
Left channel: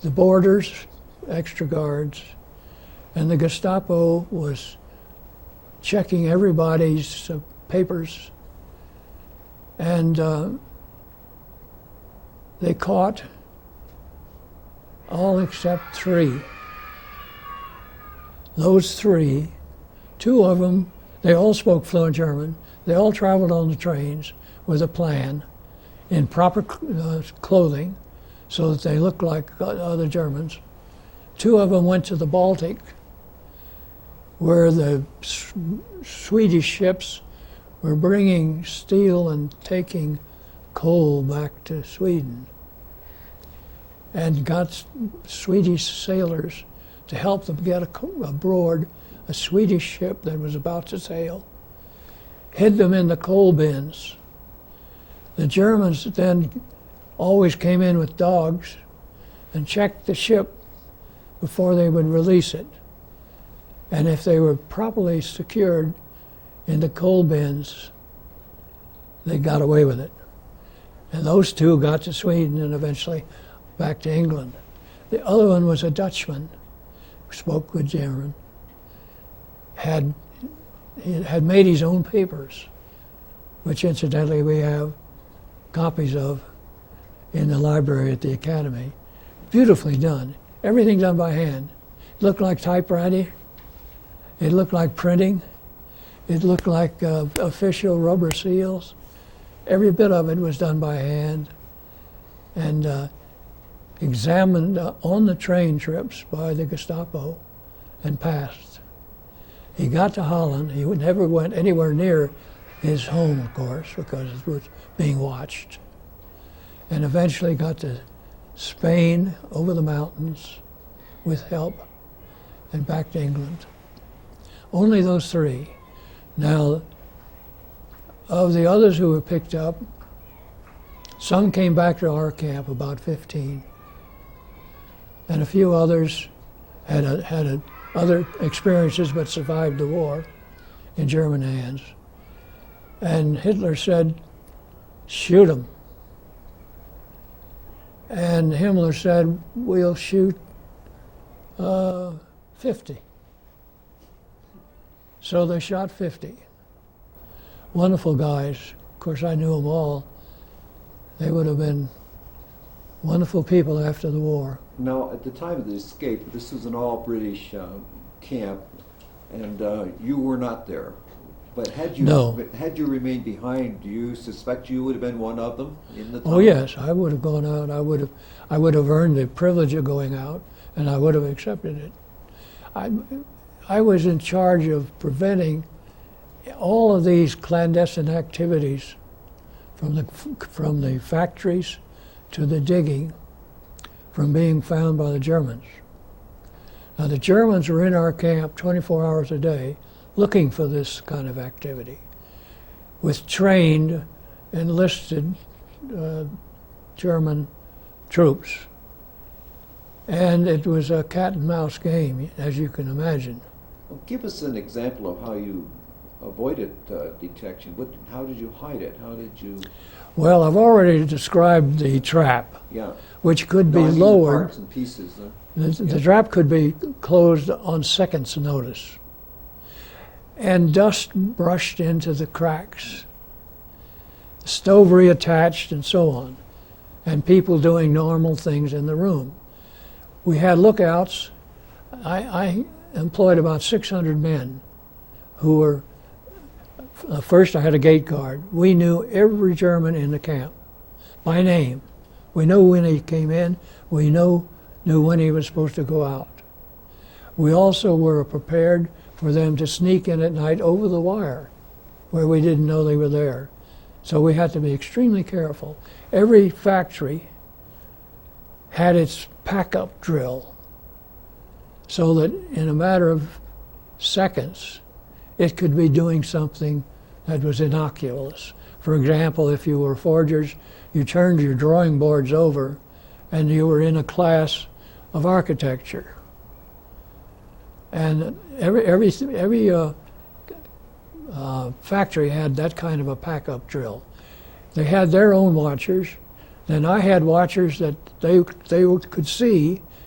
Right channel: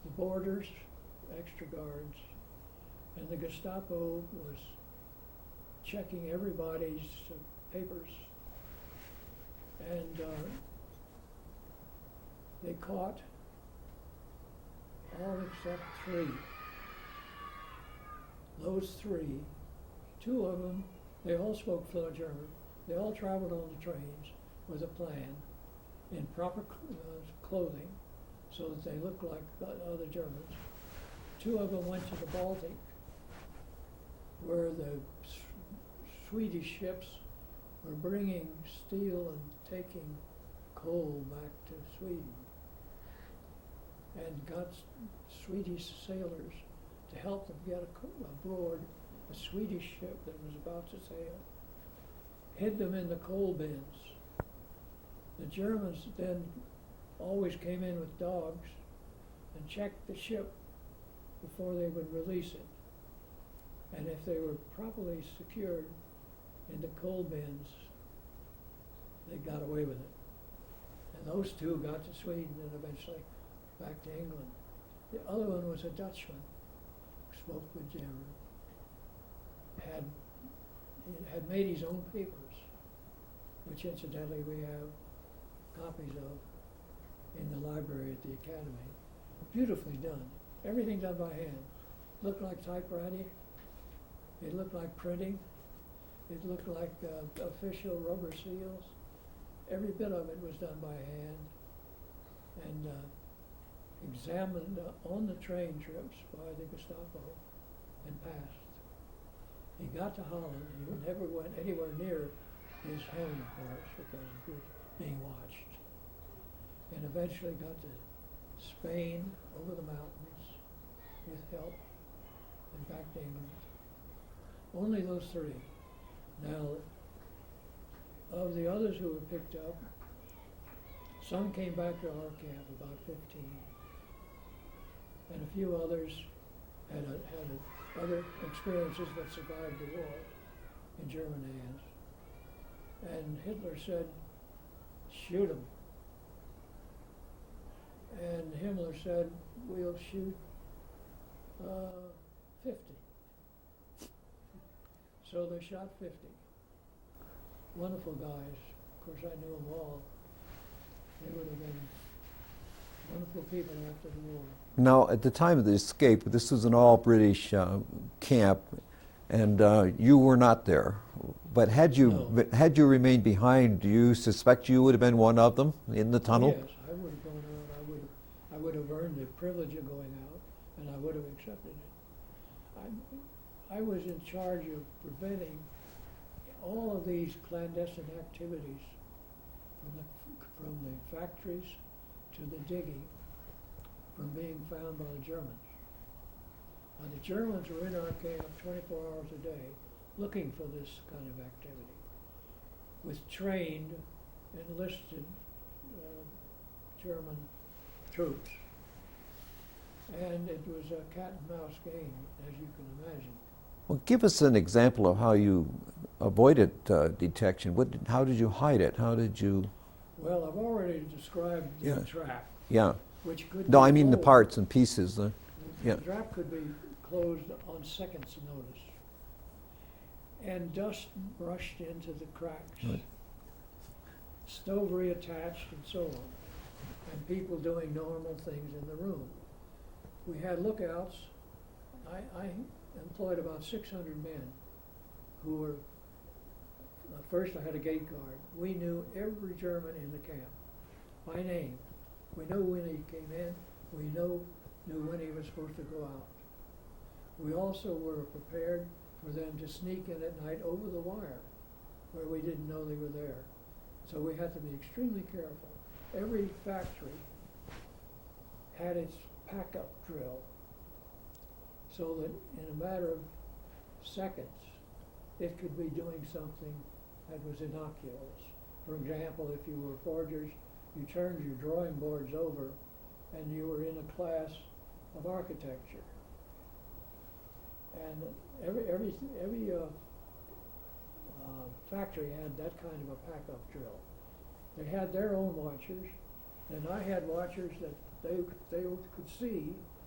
the borders, extra guards, and the Gestapo was checking everybody's papers, and they caught all except 3. Those 3, 2 of them, they all spoke fluent German. They all traveled on the trains with a plan, in proper clothing, so that they looked like other Germans. 2 of them went to the Baltic, where the Swedish ships were bringing steel and taking coal back to Sweden, and got Swedish sailors to help them get aboard a Swedish ship that was about to sail, hid them in the coal bins. The Germans then always came in with dogs and checked the ship before they would release it. And if they were properly secured in the coal bins, they got away with it. And those 2 got to Sweden and eventually back to England. The other one was a Dutchman who spoke good German. He had made his own papers, which incidentally we have copies of in the library at the Academy. Beautifully done. Everything done by hand. It looked like typewriting. It looked like printing. It looked like official rubber seals. Every bit of it was done by hand and examined on the train trips by the Gestapo and passed. He got to Holland. He never went anywhere near his home, of course, because it was being watched. And eventually got to Spain, over the mountains, with help, and back to England. Only those 3. Now, of the others who were picked up, some came back to our camp, about 15, and a few others had other experiences but survived the war in German hands. And Hitler said, shoot them. And Himmler said, we'll shoot 50. So they shot 50. Wonderful guys. Of course, I knew them all. They would have been wonderful people after the war. Now, at the time of the escape, this was an all-British camp, and you were not there. But had you remained behind, do you suspect you would have been one of them in the tunnel? Oh yes, I would have gone out. I would have earned the privilege of going out, and I would have accepted it. I was in charge of preventing all of these clandestine activities, from the factories to the digging, from being found by the Germans. Now the Germans were in our camp 24 hours a day looking for this kind of activity with trained, enlisted German troops. And it was a cat and mouse game, as you can imagine. Well, give us an example of how you avoided detection. How did you hide it? How did you... Well, I've already described the trap, Yeah. which could No, be I mean lowered. the parts and pieces. The trap could be closed on seconds' notice. And dust brushed into the cracks. Stove reattached and so on. And people doing normal things in the room. We had lookouts. I employed about 600 men who were, first I had a gate guard. We knew every German in the camp by name. We knew when he came in. We knew when he was supposed to go out. We also were prepared for them to sneak in at night over the wire where we didn't know they were there. So we had to be extremely careful. Every factory had its pack-up drill so that in a matter of seconds, it could be doing something that was innocuous. For example, if you were forgers, you turned your drawing boards over and you were in a class of architecture. And every factory had that kind of a pack-up drill. They had their own watchers. Then I had watchers that they could see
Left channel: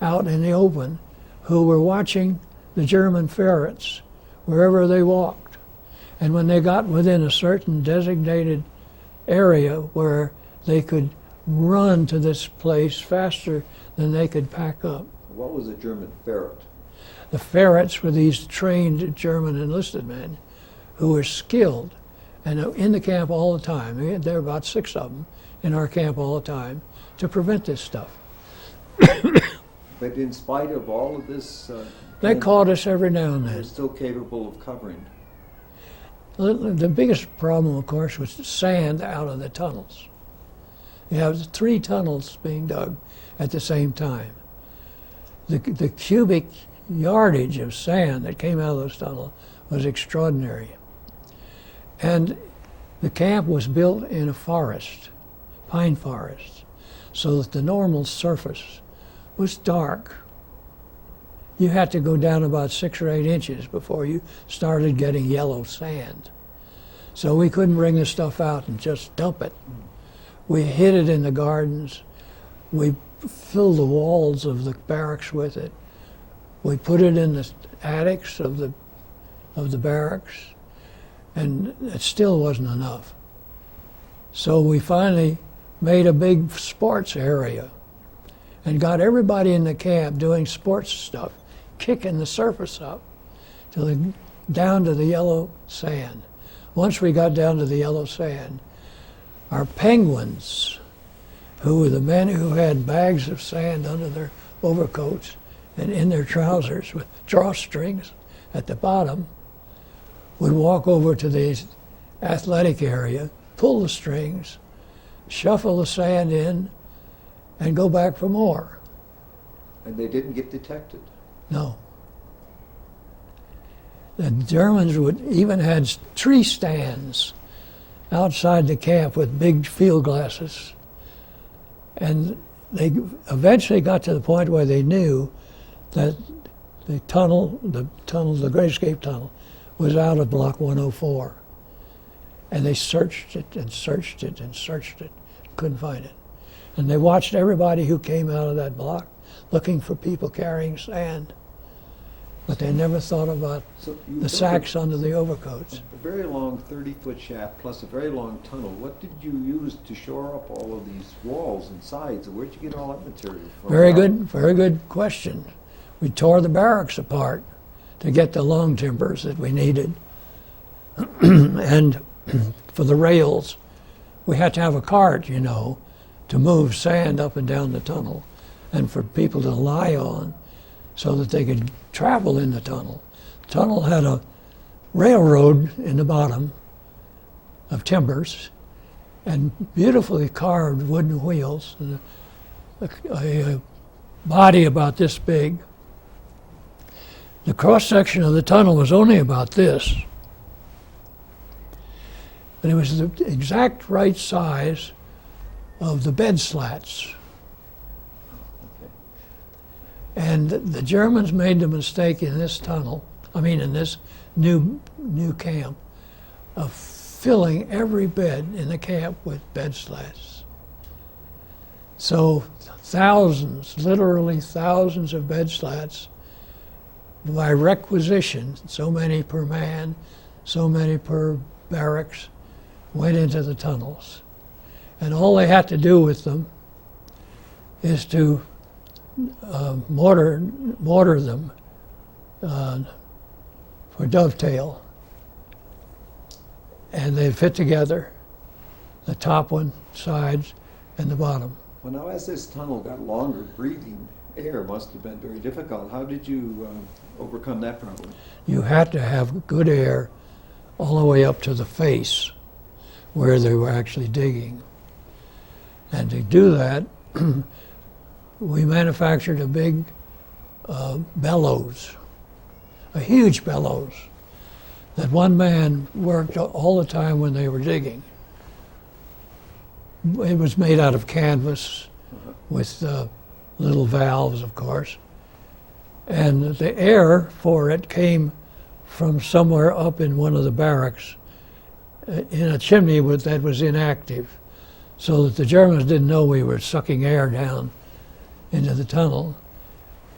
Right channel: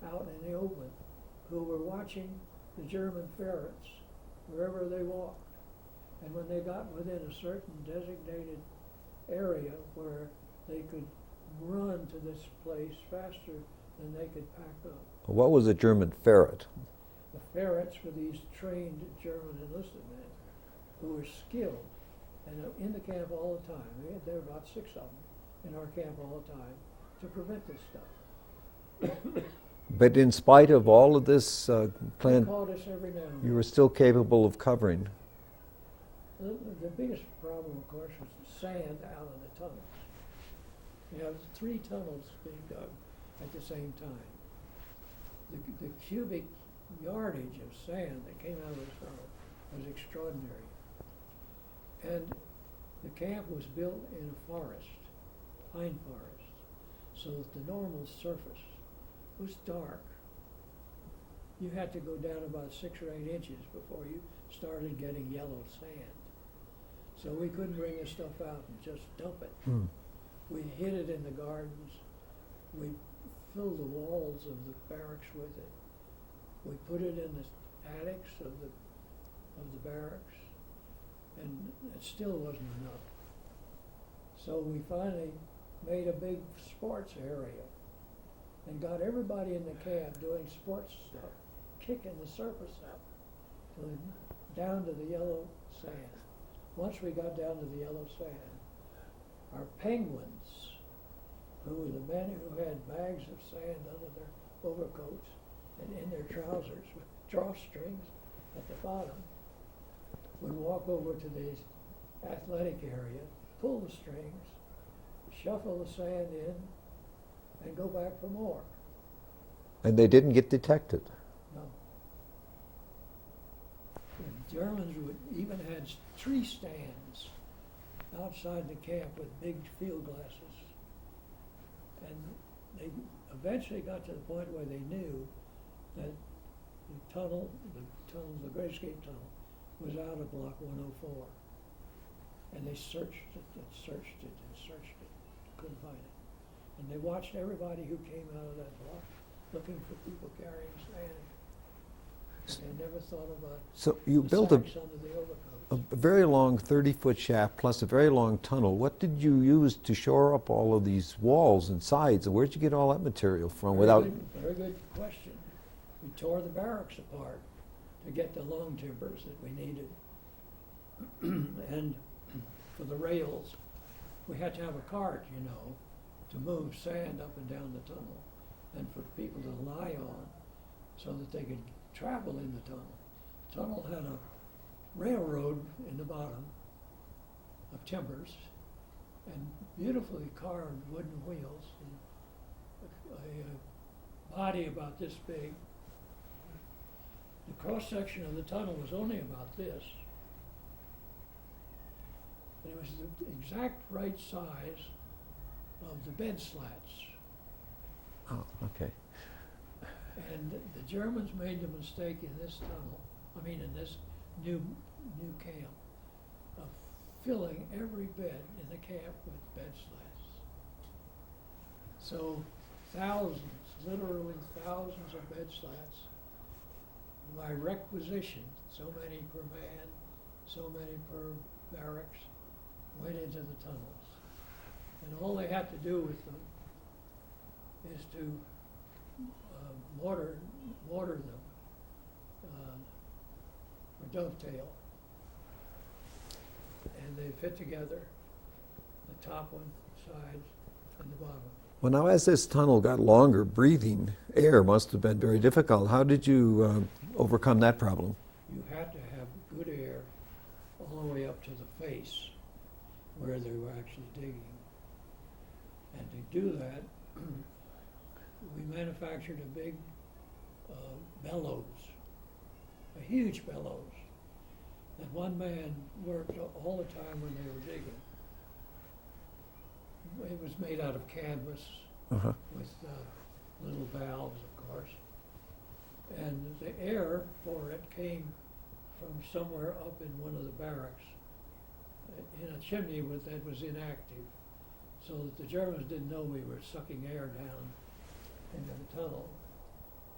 out in the open who were watching the German ferrets wherever they walked. And when they got within a certain designated area where they could run to this place faster than they could pack up. What was a German ferret? The ferrets were these trained German enlisted men who were skilled and in the camp all the time. There were about 6 of them in our camp all the time to prevent this stuff. But in spite of all of this, They caught us every now and they then. were still capable of covering. The biggest problem, of course, was the sand out of the tunnels. You have 3 tunnels being dug at the same time. The cubic yardage of sand that came out of those tunnels was extraordinary. And the camp was built in a forest, pine forest, so that the normal surface was dark. You had to go down about 6 or 8 inches before you started getting yellow sand. So we couldn't bring the stuff out and just dump it. We hid it in the gardens. We filled the walls of the barracks with it. We put it in the attics of the barracks, and it still wasn't enough. So we finally made a big sports area and got everybody in the camp doing sports stuff, kicking the surface up down to the yellow sand. Once we got down to the yellow sand, our penguins, who were the men who had bags of sand under their overcoats and in their trousers with drawstrings at the bottom, would walk over to the athletic area, pull the strings, shuffle the sand in, and go back for more. And they didn't get detected. No. The Germans even had tree stands outside the camp with big field glasses. And they eventually got to the point where they knew that the Great Escape Tunnel, was out of Block 104. And they searched it and searched it and searched it, couldn't find it. And they watched everybody who came out of that block looking for people carrying sand. But they never thought about the sacks under the overcoats. A very long 30-foot shaft plus a very long tunnel. What did you use to shore up all of these walls and sides? Where'd you get all that material from? Very good question. We tore the barracks apart to get the long timbers that we needed. And for the rails, we had to have a cart, to move sand up and down the tunnel and for people to lie on so that they could travel in the tunnel. The tunnel had a railroad in the bottom of timbers and beautifully carved wooden wheels, and a body about this big. The cross-section of the tunnel was only about this, but it was the exact right size of the bed slats. Oh, okay. And the Germans made the mistake in this in this new camp, of filling every bed in the camp with bed slats. So thousands, literally thousands of bed slats by requisition, so many per man, so many per barracks, went into the tunnels. And all they had to do with them is to mortar them for dovetail. And they fit together, the top one, sides, and the bottom. Well, now as this tunnel got longer, breathing air must have been very difficult. How did you overcome that problem? You had to have good air all the way up to the face where they were actually digging. And to do that, we manufactured a big bellows, a huge bellows, that one man worked all the time when they were digging. It was made out of canvas with little valves, of course. And the air for it came from somewhere up in one of the barracks in a chimney that was inactive, so that the Germans didn't know we were sucking air down into the tunnel.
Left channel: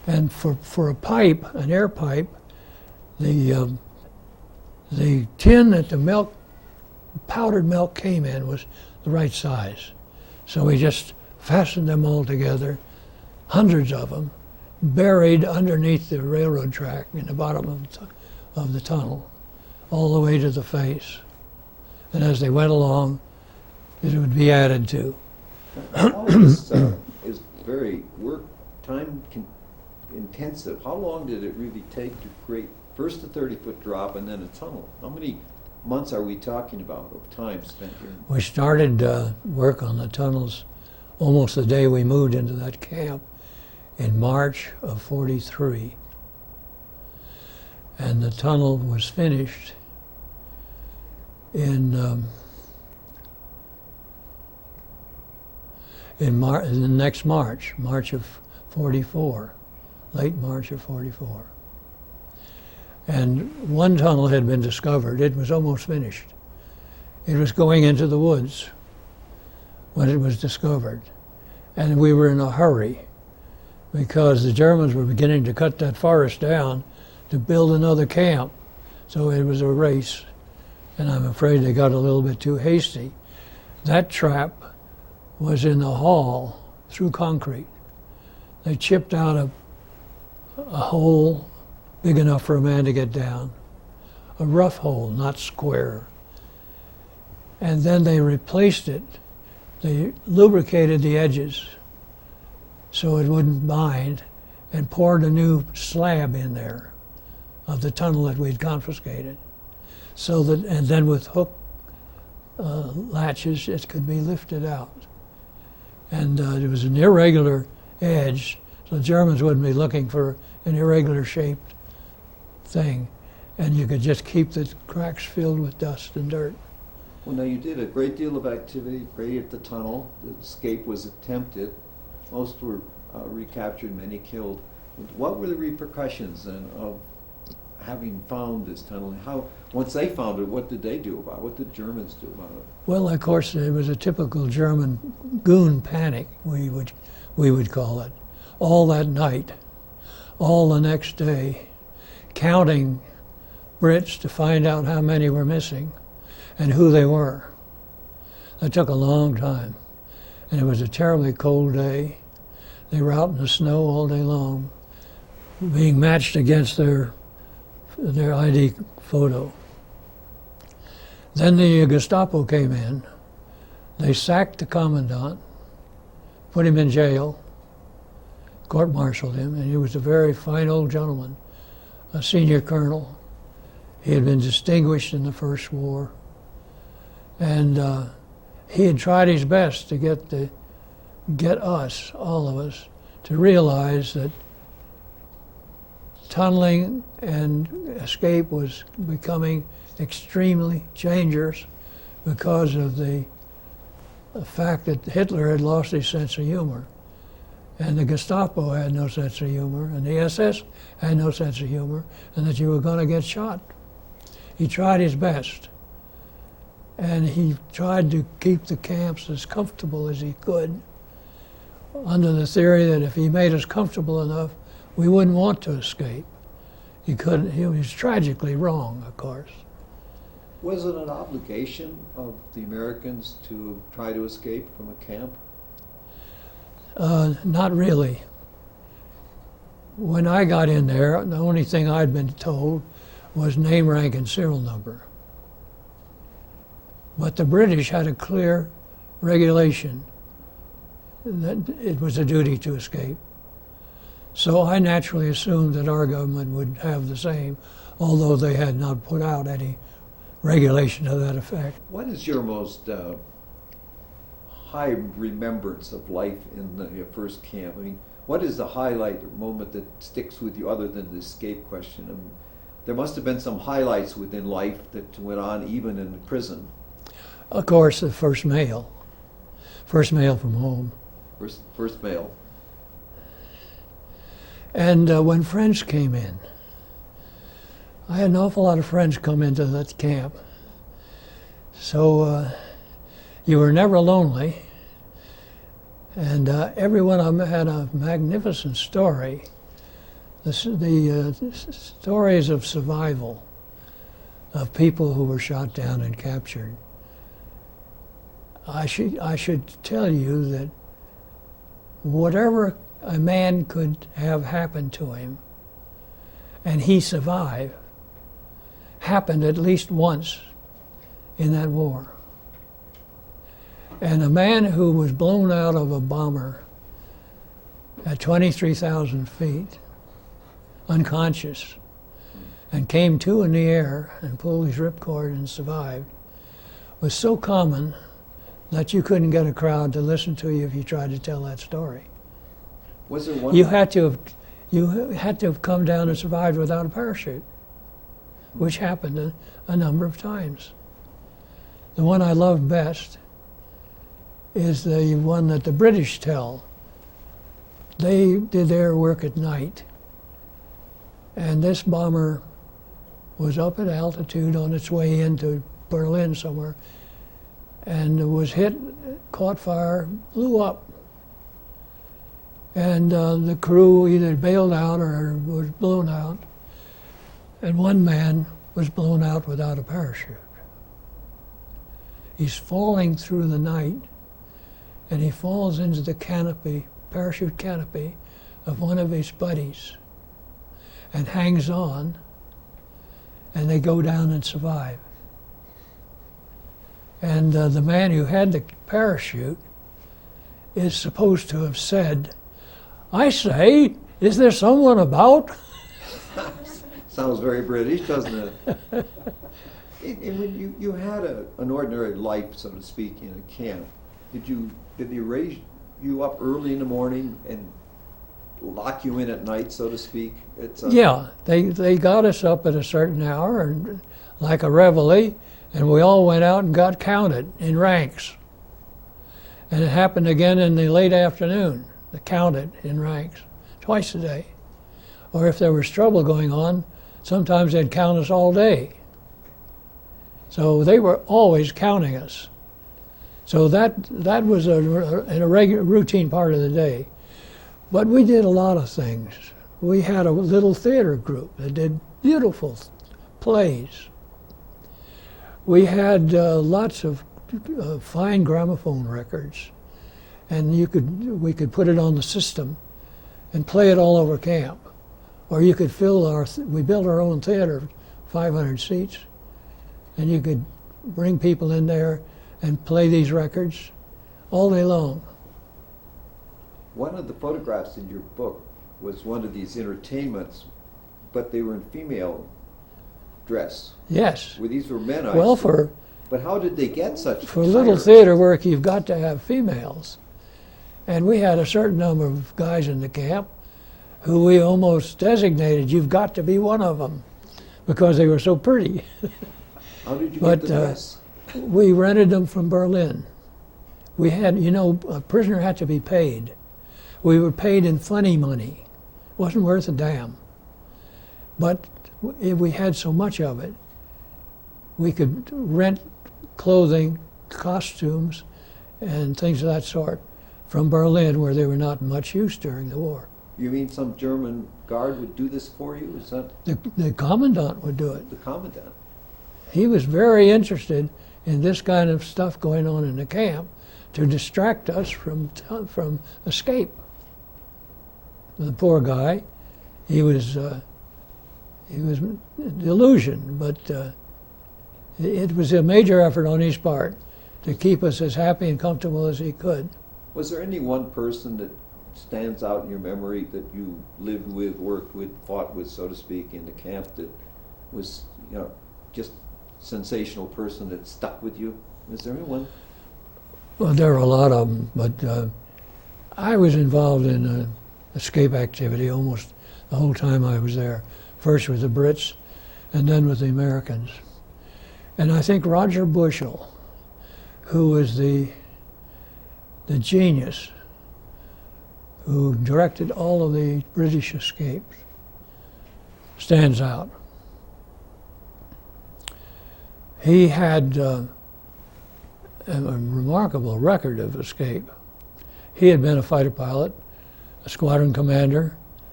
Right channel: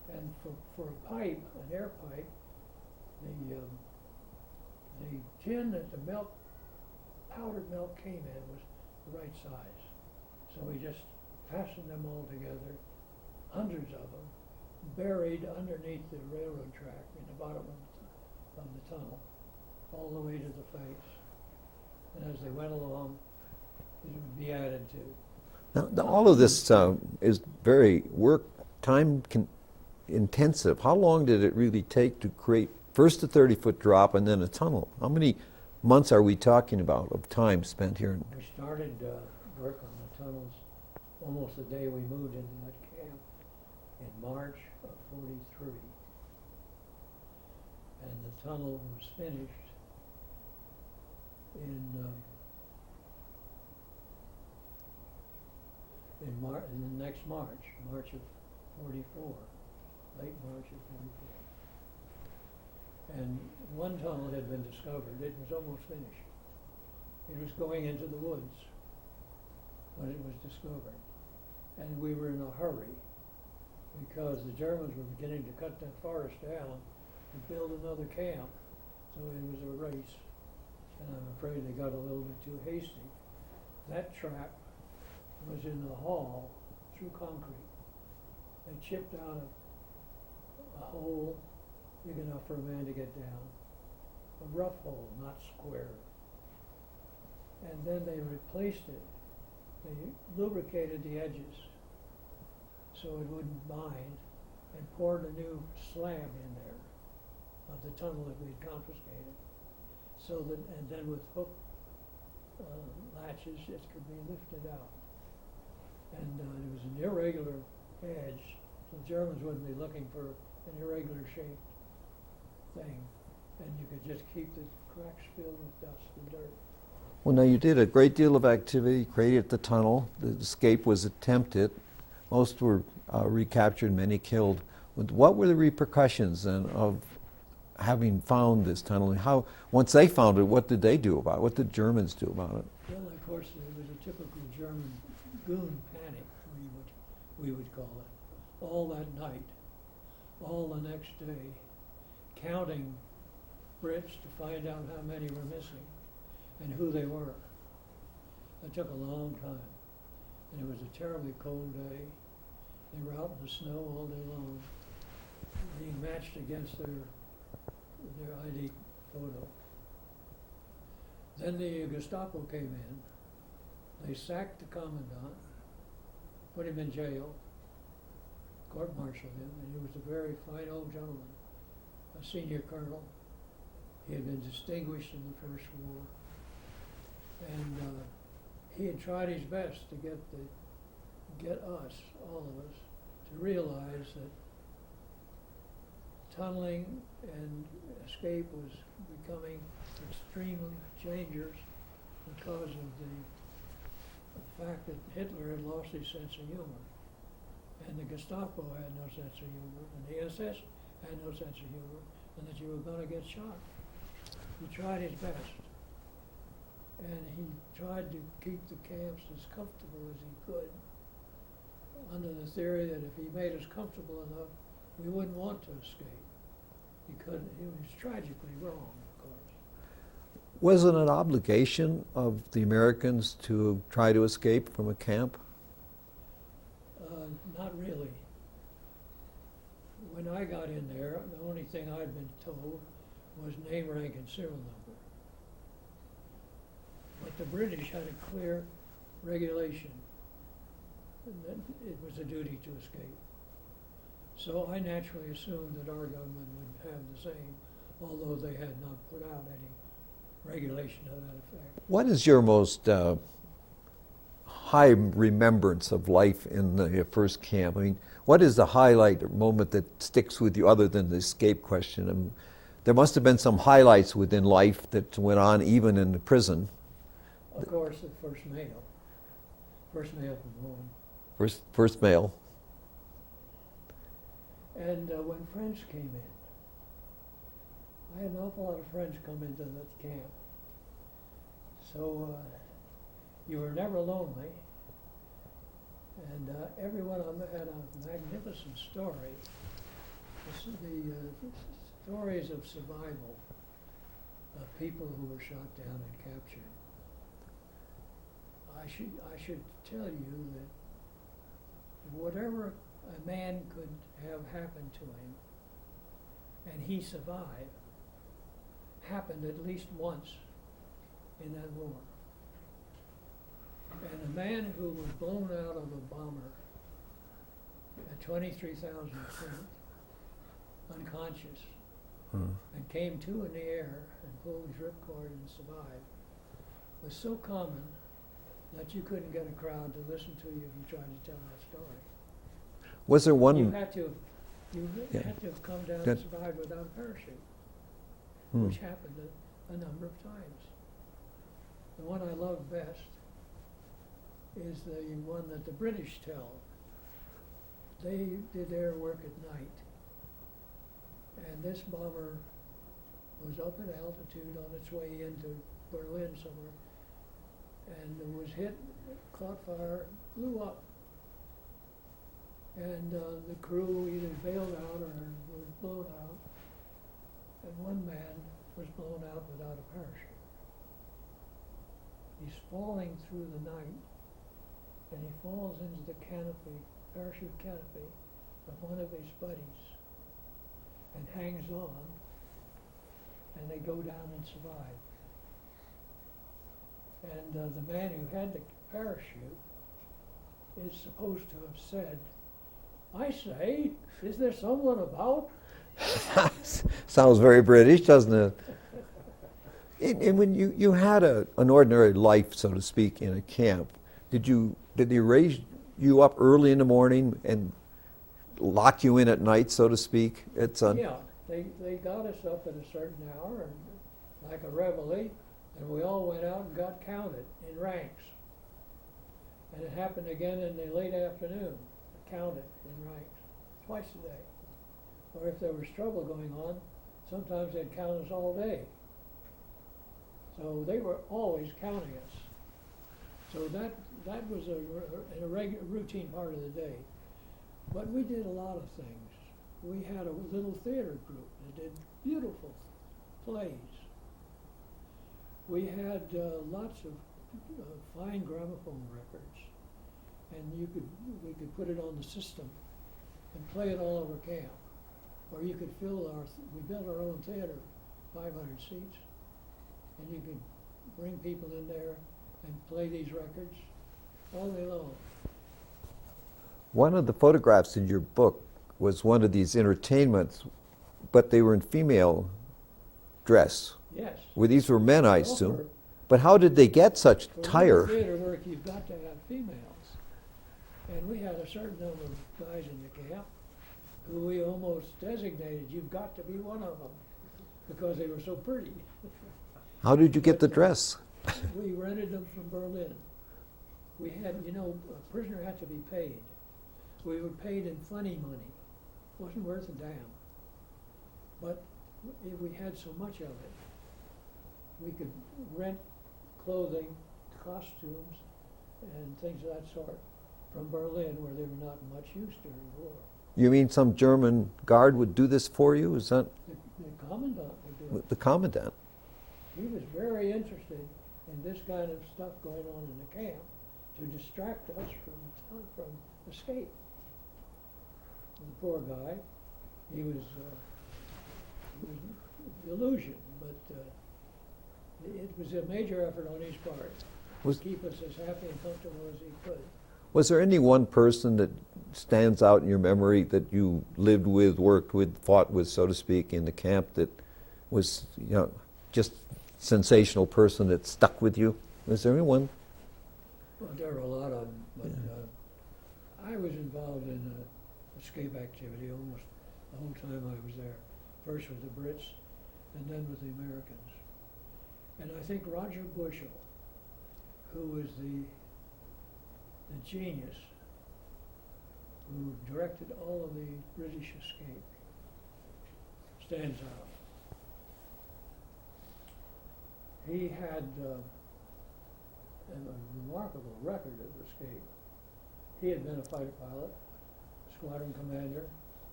And for a pipe, an air pipe, the tin that the milk, powdered milk came in was the right size. So we just fastened them all together, hundreds of them, buried underneath the railroad track in the bottom of the tunnel, all the way to the face. And as they went along, it would be added to. All of this is very intensive. How long did it really take to create first a 30-foot drop and then a tunnel? How many months are we talking about of time spent here? We started work on the tunnels almost the day we moved into that camp in March of '43. And the tunnel was finished in the next March of '44, late March of '44. And one tunnel had been discovered. It was almost finished. It was going into the woods when it was discovered. And we were in a hurry because the Germans were beginning to cut that forest down to build another camp. So it was a race. And I'm afraid they got a little bit too hasty. That trap was in the hall through concrete. They chipped out a hole big enough for a man to get down, a rough hole, not square. And then they replaced it. They lubricated the edges so it wouldn't bind and poured a new slab in there of the tunnel that we'd confiscated. So that, and then with hook latches, it could be lifted out. And it was an irregular edge, so the Germans wouldn't be looking for an irregular shaped thing, and you could just keep the cracks filled with dust and dirt. Well, now you did a great deal of activity, created the tunnel, the escape was attempted, most were recaptured, many killed. What were the repercussions then of having found this tunnel? And how, once they found it, what did they do about it? What did Germans do about it? Well, of course, it was a typical German goon panic, we would call it. All that night, all the next day, counting Brits to find out how many were missing and who they were. That took a long time. And it was a terribly cold day. They were out in the snow all day long, being matched against their ID photo. Then the Gestapo came in. They sacked the commandant, put him in jail, court-martialed him, and he was a very fine old gentleman, a senior colonel. He had been distinguished in the First War. And he had tried his best to get us, all of us, to realize that tunneling and escape was becoming extremely dangerous because of the fact that Hitler had lost his sense of humor. And the Gestapo had no sense of humor, and the SS had no sense of humor, and that you were going to get shot. He tried his best. And he tried to keep the camps as comfortable as he could, under the theory that if he made us comfortable enough, we wouldn't want to escape. He couldn't, he was tragically wrong, of course. Was it an obligation of the Americans to try to escape from a camp? Not really. When I got in there, the only thing I'd been told was name, rank, and serial number. But the British had a clear regulation that it was a duty to escape. So I naturally assumed that our government would have the same, although they had not put out any regulation to that effect. What is your most high remembrance of life in the first camp? I mean, what is the highlight moment that sticks with you other than the escape question? I mean, there must have been some highlights within life that went on even in the prison. Of course, the first mail from home. First mail. And when friends came in, I had an awful lot of friends come into that camp. So you were never lonely. And every one of them had a magnificent story the stories of survival of people who were shot down and captured. I should tell you that whatever a man could have happened to him, and he survived, happened at least once in that war. And a man who was blown out of a bomber at 23,000 feet, unconscious, and came to in the air and pulled his ripcord and survived, was so common that you couldn't get a crowd to listen to you if you tried to tell that story. Was there one? You had to have come down and survived without a parachute, which happened a number of times. The one I love best is the one that the British tell. They did their work at night, and this bomber was up at altitude on its way into Berlin somewhere, and was hit, caught fire, blew up. And the crew either bailed out or was blown out, and one man was blown out without a parachute. He's falling through the night, and he falls into the canopy, parachute canopy, of one of his buddies, and hangs on, and they go down and survive. And the man who had the parachute is supposed to have said, "I say, is there someone about?" Sounds very British, doesn't it? And when you had an ordinary life, so to speak, in a camp, did they raise you up early in the morning and lock you in at night, so to speak? Yeah, they got us up at a certain hour, and like a reveille, and we all went out and got counted in ranks. And it happened again in the late afternoon, counted in ranks, twice a day. Or if there was trouble going on, sometimes they'd count us all day. So they were always counting us. So that was a regular routine part of the day. But we did a lot of things. We had a little theater group that did beautiful plays. We had lots of fine gramophone records, and we could put it on the system and play it all over camp. Or you could we built our own theater, 500 seats, and you could bring people in there and play these records all day long. One of the photographs in your book was one of these entertainments, but they were in female dress. Yes. Well, these were men, I Well, assume. But how did they get such for attire? little theater work, you've got to have females. And we had a certain number of guys in the camp who we almost designated, you've got to be one of them, because they were so pretty. How did you get the dress? We rented them from Berlin. We had, a prisoner had to be paid. We were paid in funny money. Wasn't worth a damn. But if we had so much of it, we could rent clothing, costumes, and things of that sort from Berlin, where they were not much use during the war. You mean some German guard would do this for you? Is that The commandant would do it. the commandant? He was very interested in this kind of stuff going on in the camp to distract us from escape. The poor guy, he was delusioned, but it was a major effort on his part to keep us as happy and comfortable as he could. Was there any one person that stands out in your memory that you lived with, worked with, fought with, so to speak, in the camp that was, just sensational person that stuck with you? Was there anyone? Well, there were a lot of them, but I was involved in escape activity almost the whole time I was there. First with the Brits, and then with the Americans. And I think Roger Bushell, who was the genius who directed all of the British escapes, stands out. He had a remarkable record of escape. He had been a fighter pilot, a squadron commander,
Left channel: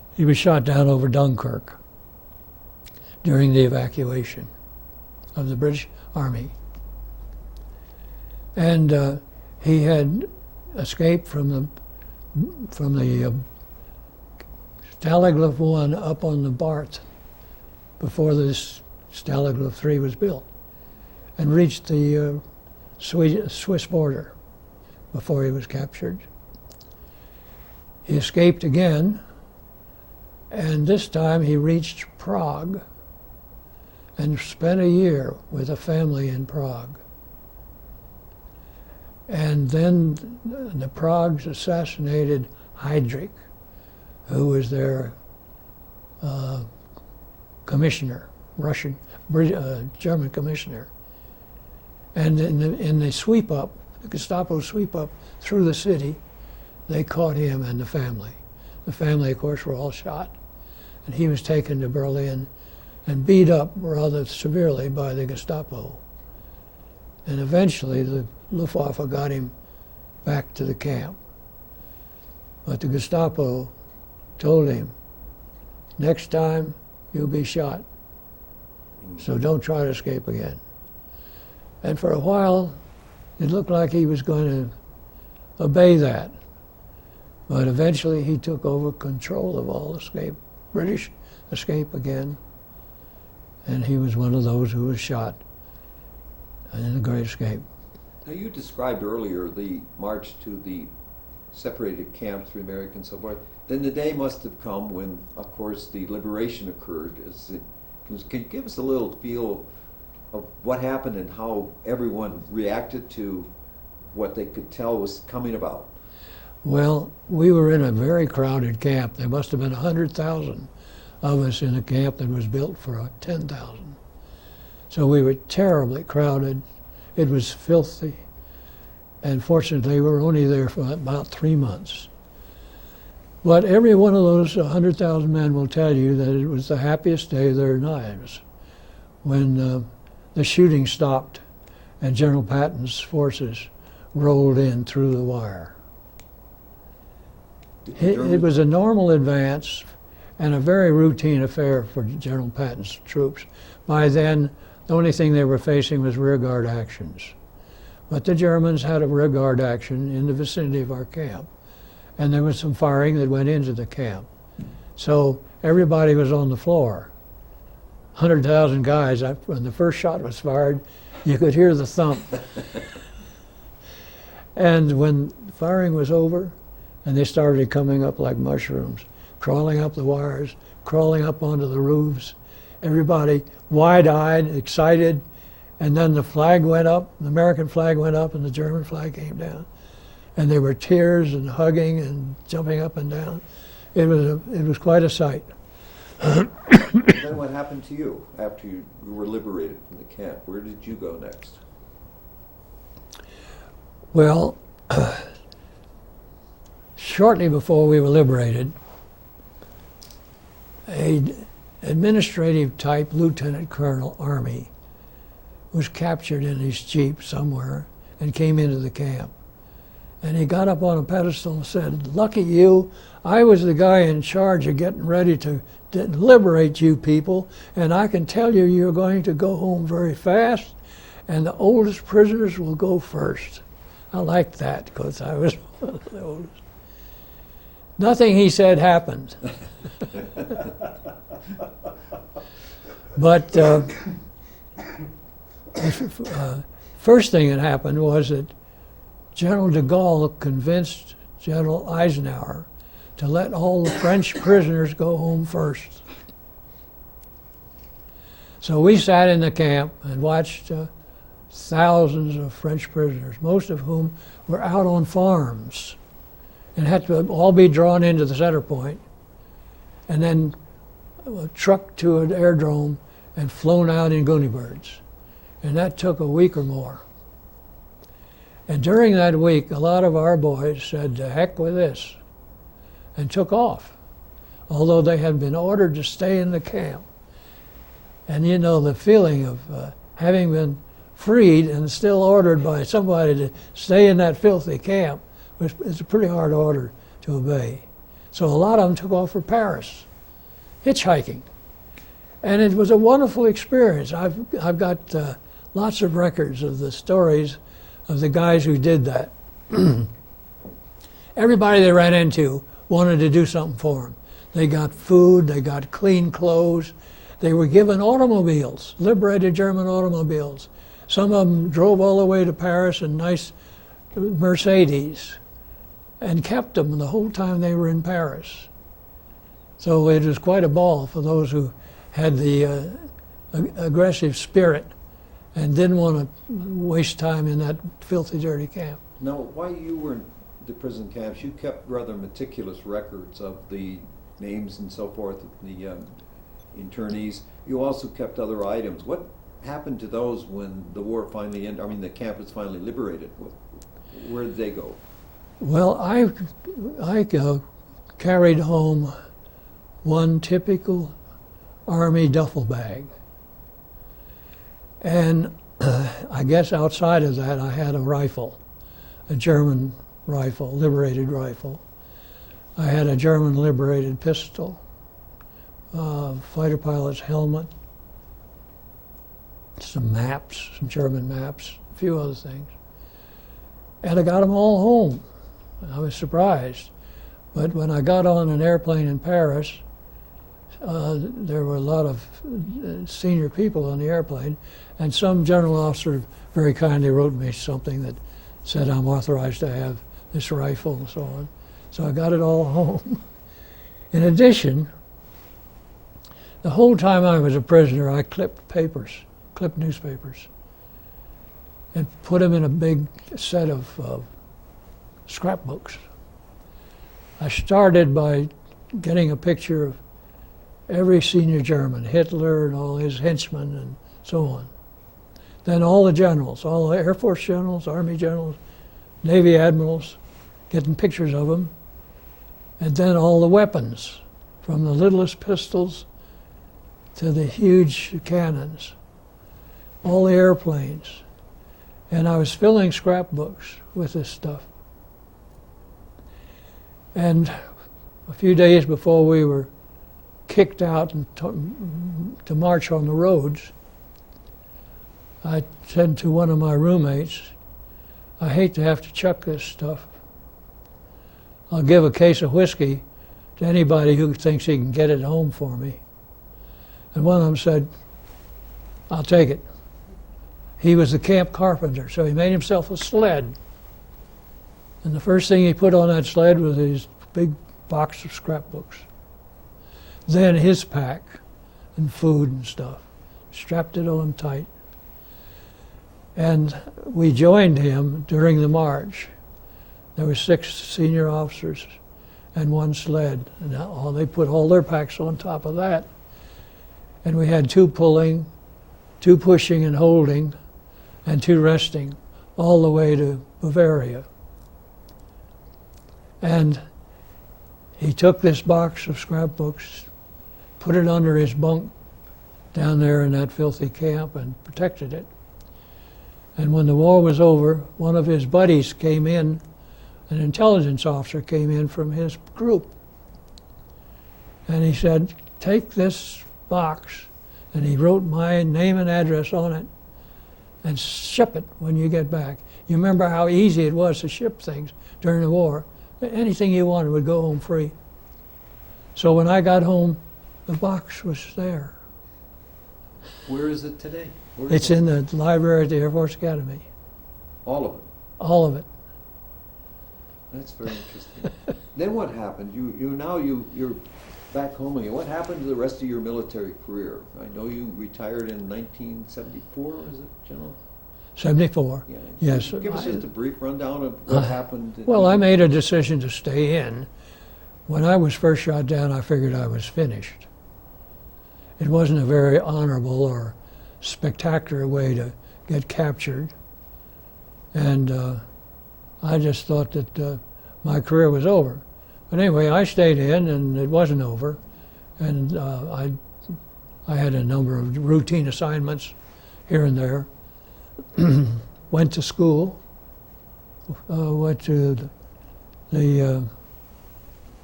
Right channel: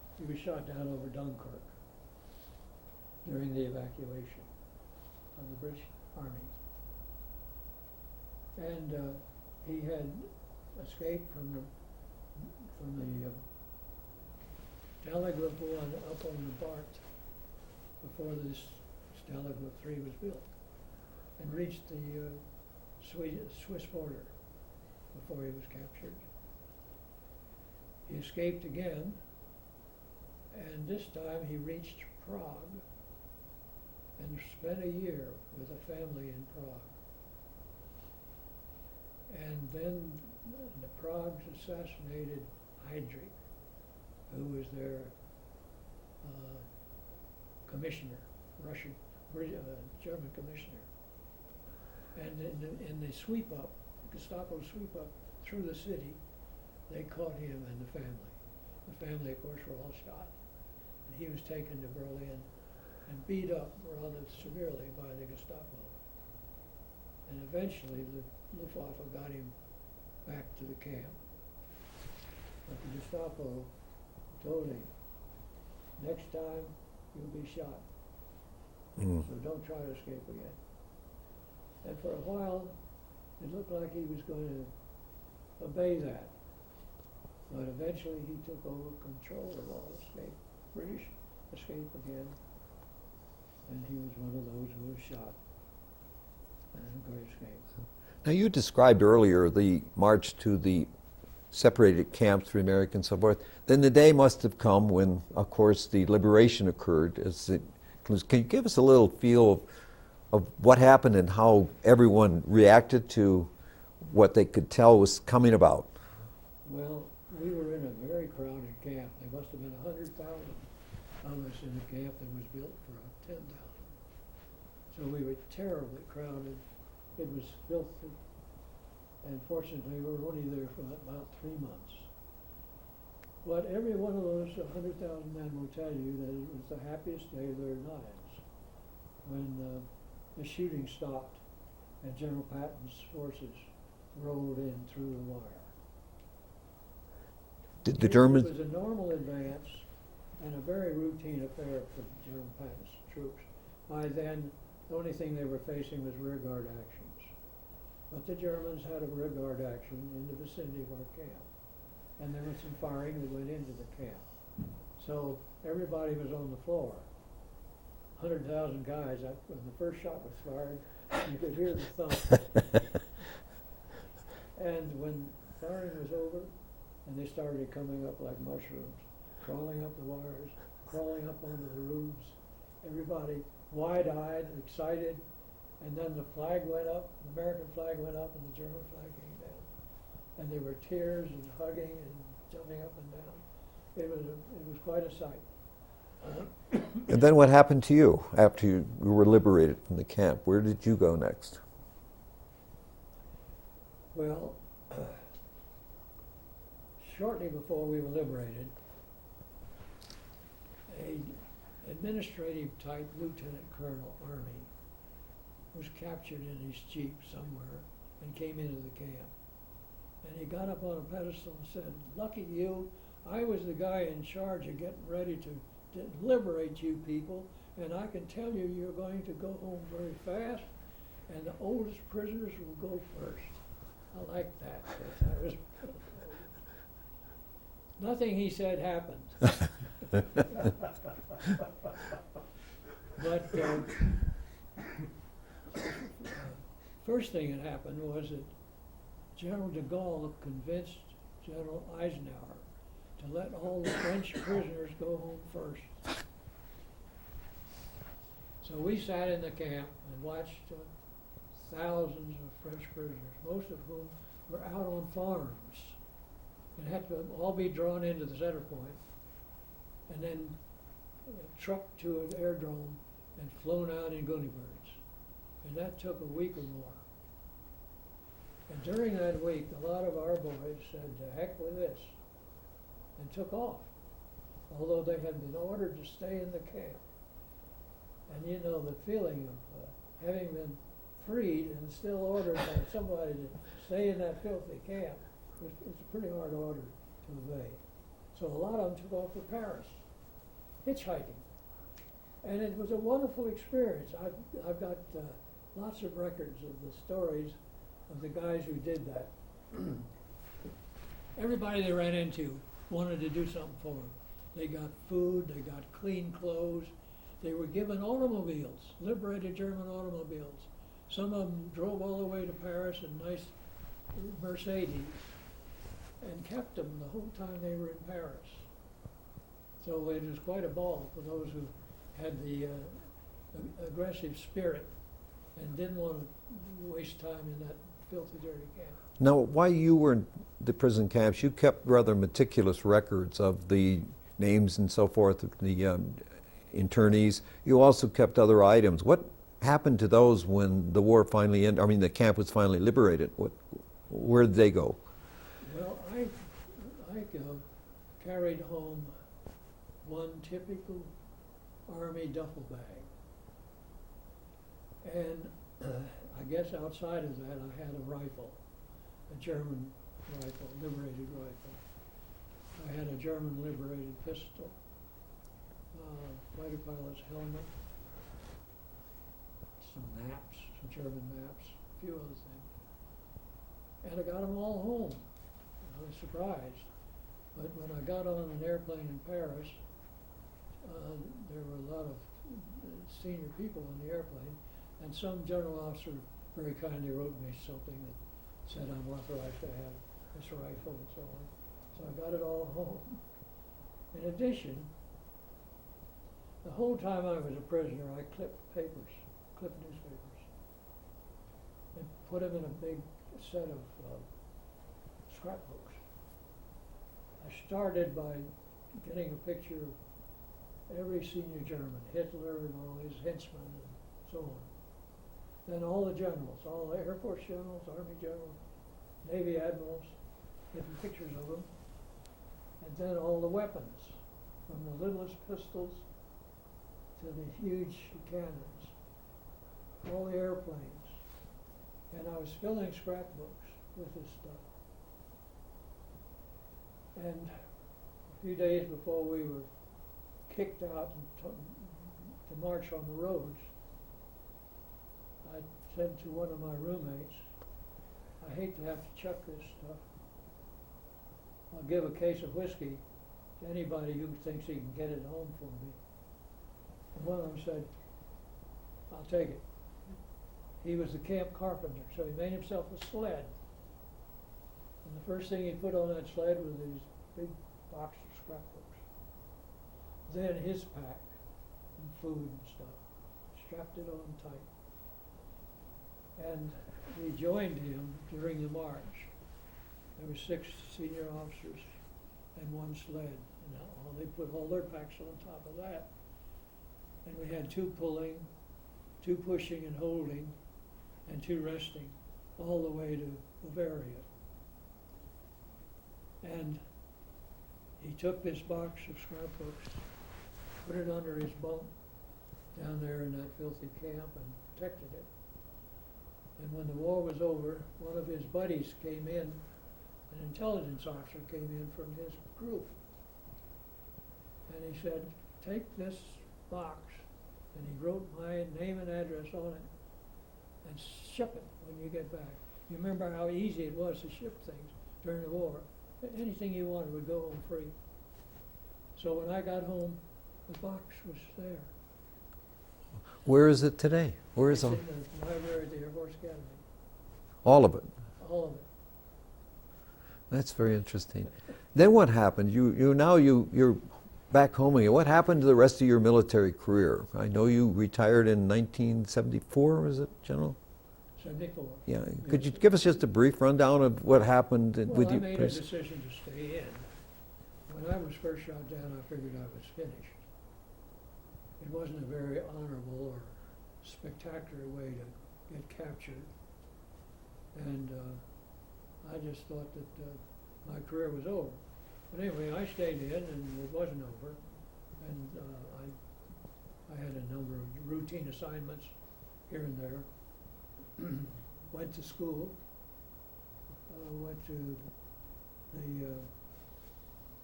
He was shot down over Dunkirk during the evacuation of the British Army. And he had escaped from the Stalag Luft I up on the Barth before this Stalag Luft III was built, and reached the Swiss border before he was captured. He escaped again, and this time he reached Prague and spent a year with a family in Prague. And then the Pragues assassinated Heydrich, who was their commissioner, German commissioner. And in the sweep up, the Gestapo sweep up through the city, they caught him and the family. The family, of course, were all shot. And he was taken to Berlin and beat up rather severely by the Gestapo. And eventually the Luftwaffe got him back to the camp. But the Gestapo told him, next time you'll be shot. So don't try to escape again. And for a while, it looked like he was going to obey that. But eventually he took over control of all British escape again. And he was one of those who was shot in the Great Escape. Now, you described earlier the march to the separated camps for Americans and so forth. Then the day must have come when, of course, the liberation occurred. Can you give us a little feel of what happened and how everyone reacted to what they could tell was coming about? Well, we were in a very crowded camp. There must have been 100,000 of us in a camp that was built for 10,000. So we were terribly crowded. It was filthy. And fortunately, we were only there for about 3 months. But every one of those 100,000 men will tell you that it was the happiest day of their lives when the shooting stopped and General Patton's forces rolled in through the wire. It was a normal advance and a very routine affair for General Patton's troops. By then, the only thing they were facing was rearguard actions. But the Germans had a rearguard action in the vicinity of our camp, and there was some firing that went into the camp. So everybody was on the floor. 100,000 guys, when the first shot was fired, you could hear the thump. And when firing was over, and they started coming up like mushrooms, crawling up the wires, crawling up onto the roofs, everybody wide-eyed, excited, and then the flag went up, the American flag went up, and the German flag came down. And there were tears and hugging and jumping up and down. It was quite a sight. And then what happened to you after you were liberated from the camp? Where did you go next? Well, shortly before we were liberated, an administrative type lieutenant colonel army was captured in his jeep somewhere and came into the camp. And he got up on a pedestal and said, "Lucky you, I was the guy in charge of getting ready to liberate you people, and I can tell you you're going to go home very fast, and the oldest prisoners will go first." I liked that because I was one of the oldest. Nothing he said happened. But first thing that happened was that General de Gaulle convinced General Eisenhower to let all the French prisoners go home first. So we sat in the camp and watched thousands of French prisoners, most of whom were out on farms and had to all be drawn into the center point and then trucked to an aerodrome and flown out in Goonie birds. And that took a week or more. And during that week, a lot of our boys said, "To heck with this," and took off, although they had been ordered to stay in the camp. And you know, the feeling of having been freed and still ordered by somebody to stay in that filthy camp is a pretty hard order to obey. So a lot of them took off for Paris, hitchhiking. And it was a wonderful experience. I've got lots of records of the stories of the guys who did that. Everybody they ran into wanted to do something for them. They got food, they got clean clothes. They were given automobiles, liberated German automobiles. Some of them drove all the way to Paris in nice Mercedes and kept them the whole time they were in Paris. So it was quite a ball for those who had the aggressive spirit and didn't want to waste time in that filthy, dirty camp. Now, while you were in the prison camps, you kept rather meticulous records of the names and so forth of the internees. You also kept other items. What happened to those when the war finally ended? I mean, the camp was finally liberated. Where did they go? Well, I carried home one typical Army duffel bag. And I guess outside of that, I had a rifle, a German rifle, liberated rifle. I had a German liberated pistol, fighter pilot's helmet, some maps, some German maps, a few other things. And I got them all home. I was surprised. But when I got on an airplane in Paris, there were a lot of senior people on the airplane, and some general officer very kindly wrote me something that said I'm authorized to have this rifle and so on. So I got it all home. In addition, the whole time I was a prisoner, I clipped newspapers, and put them in a big set of scrapbooks. I started by getting a picture of every senior German, Hitler and all his henchmen and so on. Then all the generals, all the Air Force generals, Army generals, Navy admirals, getting pictures of them. And then all the weapons, from the littlest pistols to the huge cannons, all the airplanes. And I was filling scrapbooks with this stuff. And a few days before we were kicked out and to march on the roads, I said to one of my roommates, I hate to have to chuck this stuff. I'll give a case of whiskey to anybody who thinks he can get it home for me. And one of them said, I'll take it. He was the camp carpenter, so he made himself a sled. And the first thing he put on that sled was his big box of scrapbooks. Then his pack and food and stuff. Strapped it on tight. And we joined him during the march. There were 6 senior officers and one sled. And they put all their packs on top of that. And we had 2 pulling, 2 pushing and holding, and 2 resting, all the way to Bavaria. And he took this box of scrapbooks, put it under his bunk down there in that filthy camp and protected it. And when the war was over, one of his buddies came in, an intelligence officer came in from his group. And he said, take this box, and he wrote my name and address on it, and ship it when you get back. You remember how easy it was to ship things during the war. Anything you wanted would go home free. So when I got home, the box was there. Where is it today? It's in the library at the Air Force Academy. All of it? All of it. That's very interesting. Then what happened? You're back home again. What happened to the rest of your military career? I know you retired in 1974, was it, General? 74. Yeah. Yes. Could you give us just a brief rundown of what happened? Well, I made a decision to stay in. When I was first shot down, I figured I was finished. It wasn't a very honorable or spectacular way to get captured. And I just thought that my career was over. But anyway, I stayed in, and it wasn't over. And I had a number of routine assignments here and there. Went to school, went to the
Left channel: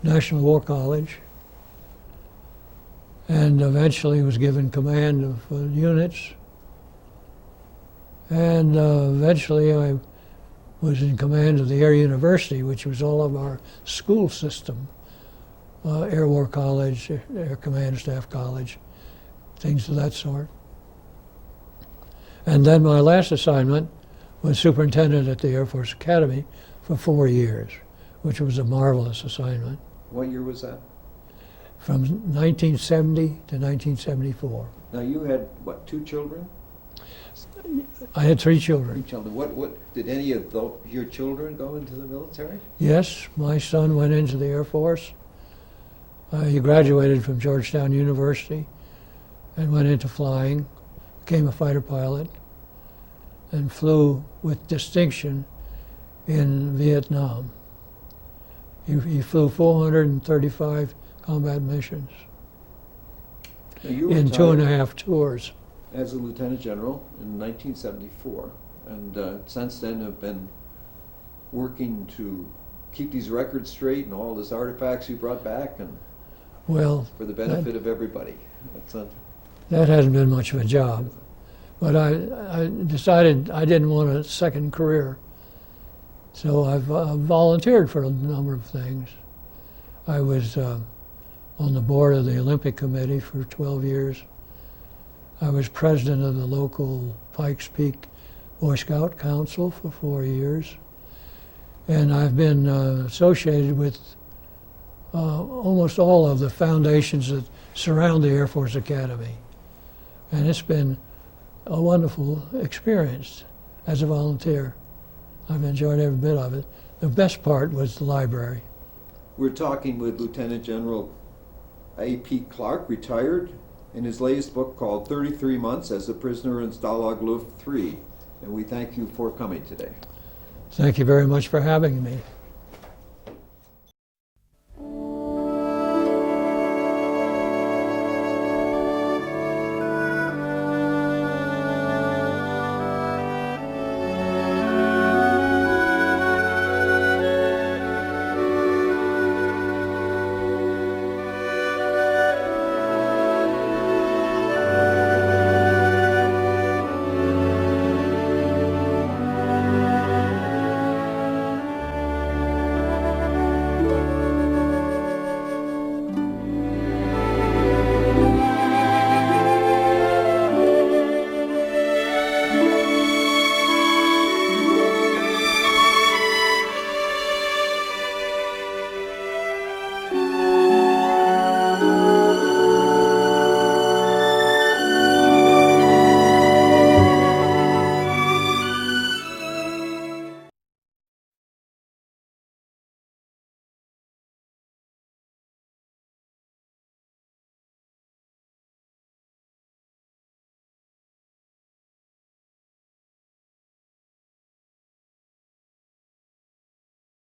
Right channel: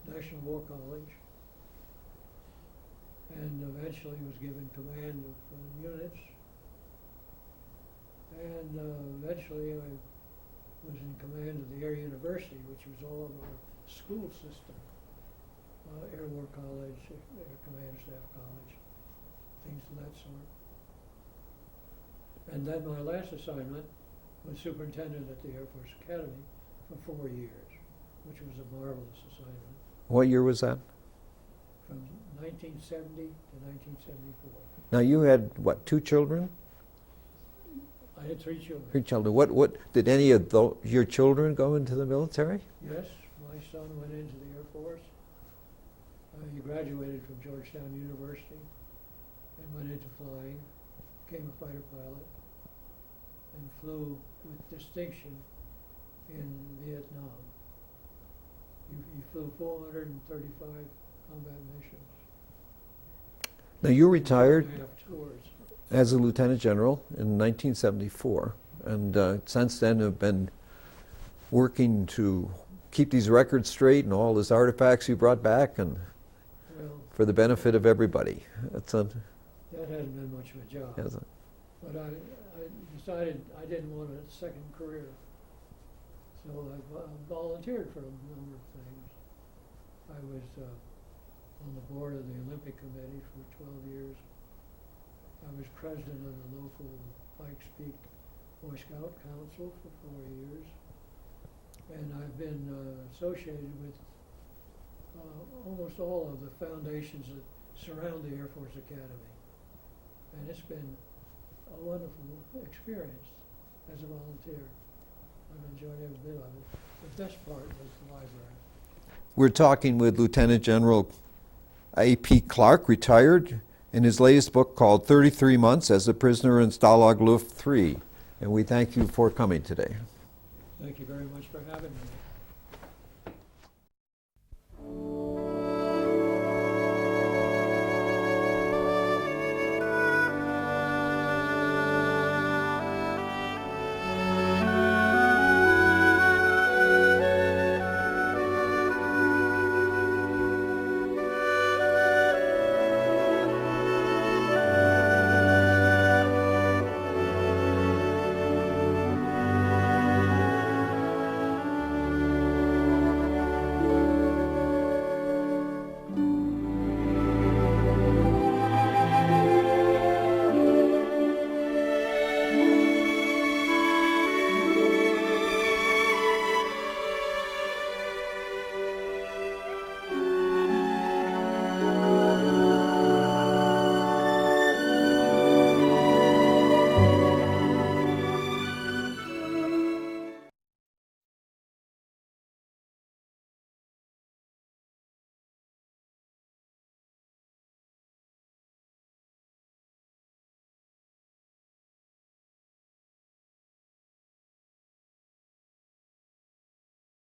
National War College, and eventually was given command of units. And eventually I was in command of the Air University, which was all of our school system, Air War College, Air Command Staff College, things of that sort. And then my last assignment was superintendent at the Air Force Academy for 4 years, which was a marvelous assignment. What year was that? From 1970 to 1974. Now you had, what, 2 children? I had 3 3 children. children. What did any of your children go into the military? Yes, my son went into the Air Force. He graduated from Georgetown University and went into flying, became a fighter pilot, and flew with distinction in Vietnam. He flew 435 combat missions Now you in retired 2.5 tours. as a lieutenant general in 1974, and since then have been working to keep these records straight and all these artifacts you brought back, and Well, for the benefit of everybody. It's a, that hasn't been much of a job. But I decided I didn't want a second career. So I've volunteered for a number of things. I was on the board of the Olympic Committee for 12 years. I was president of the local Pikes Peak Boy Scout Council for 4 years. And I've been associated with almost all of the foundations that surround the Air Force Academy. And it's been a wonderful experience as a volunteer. I've enjoyed every bit of it. The best part was the library. we're talking with Lieutenant General A.P. Clark, retired, in his latest book called 33 Months as a Prisoner in Stalag Luft III. And we thank you for coming today. Thank you very much for having me.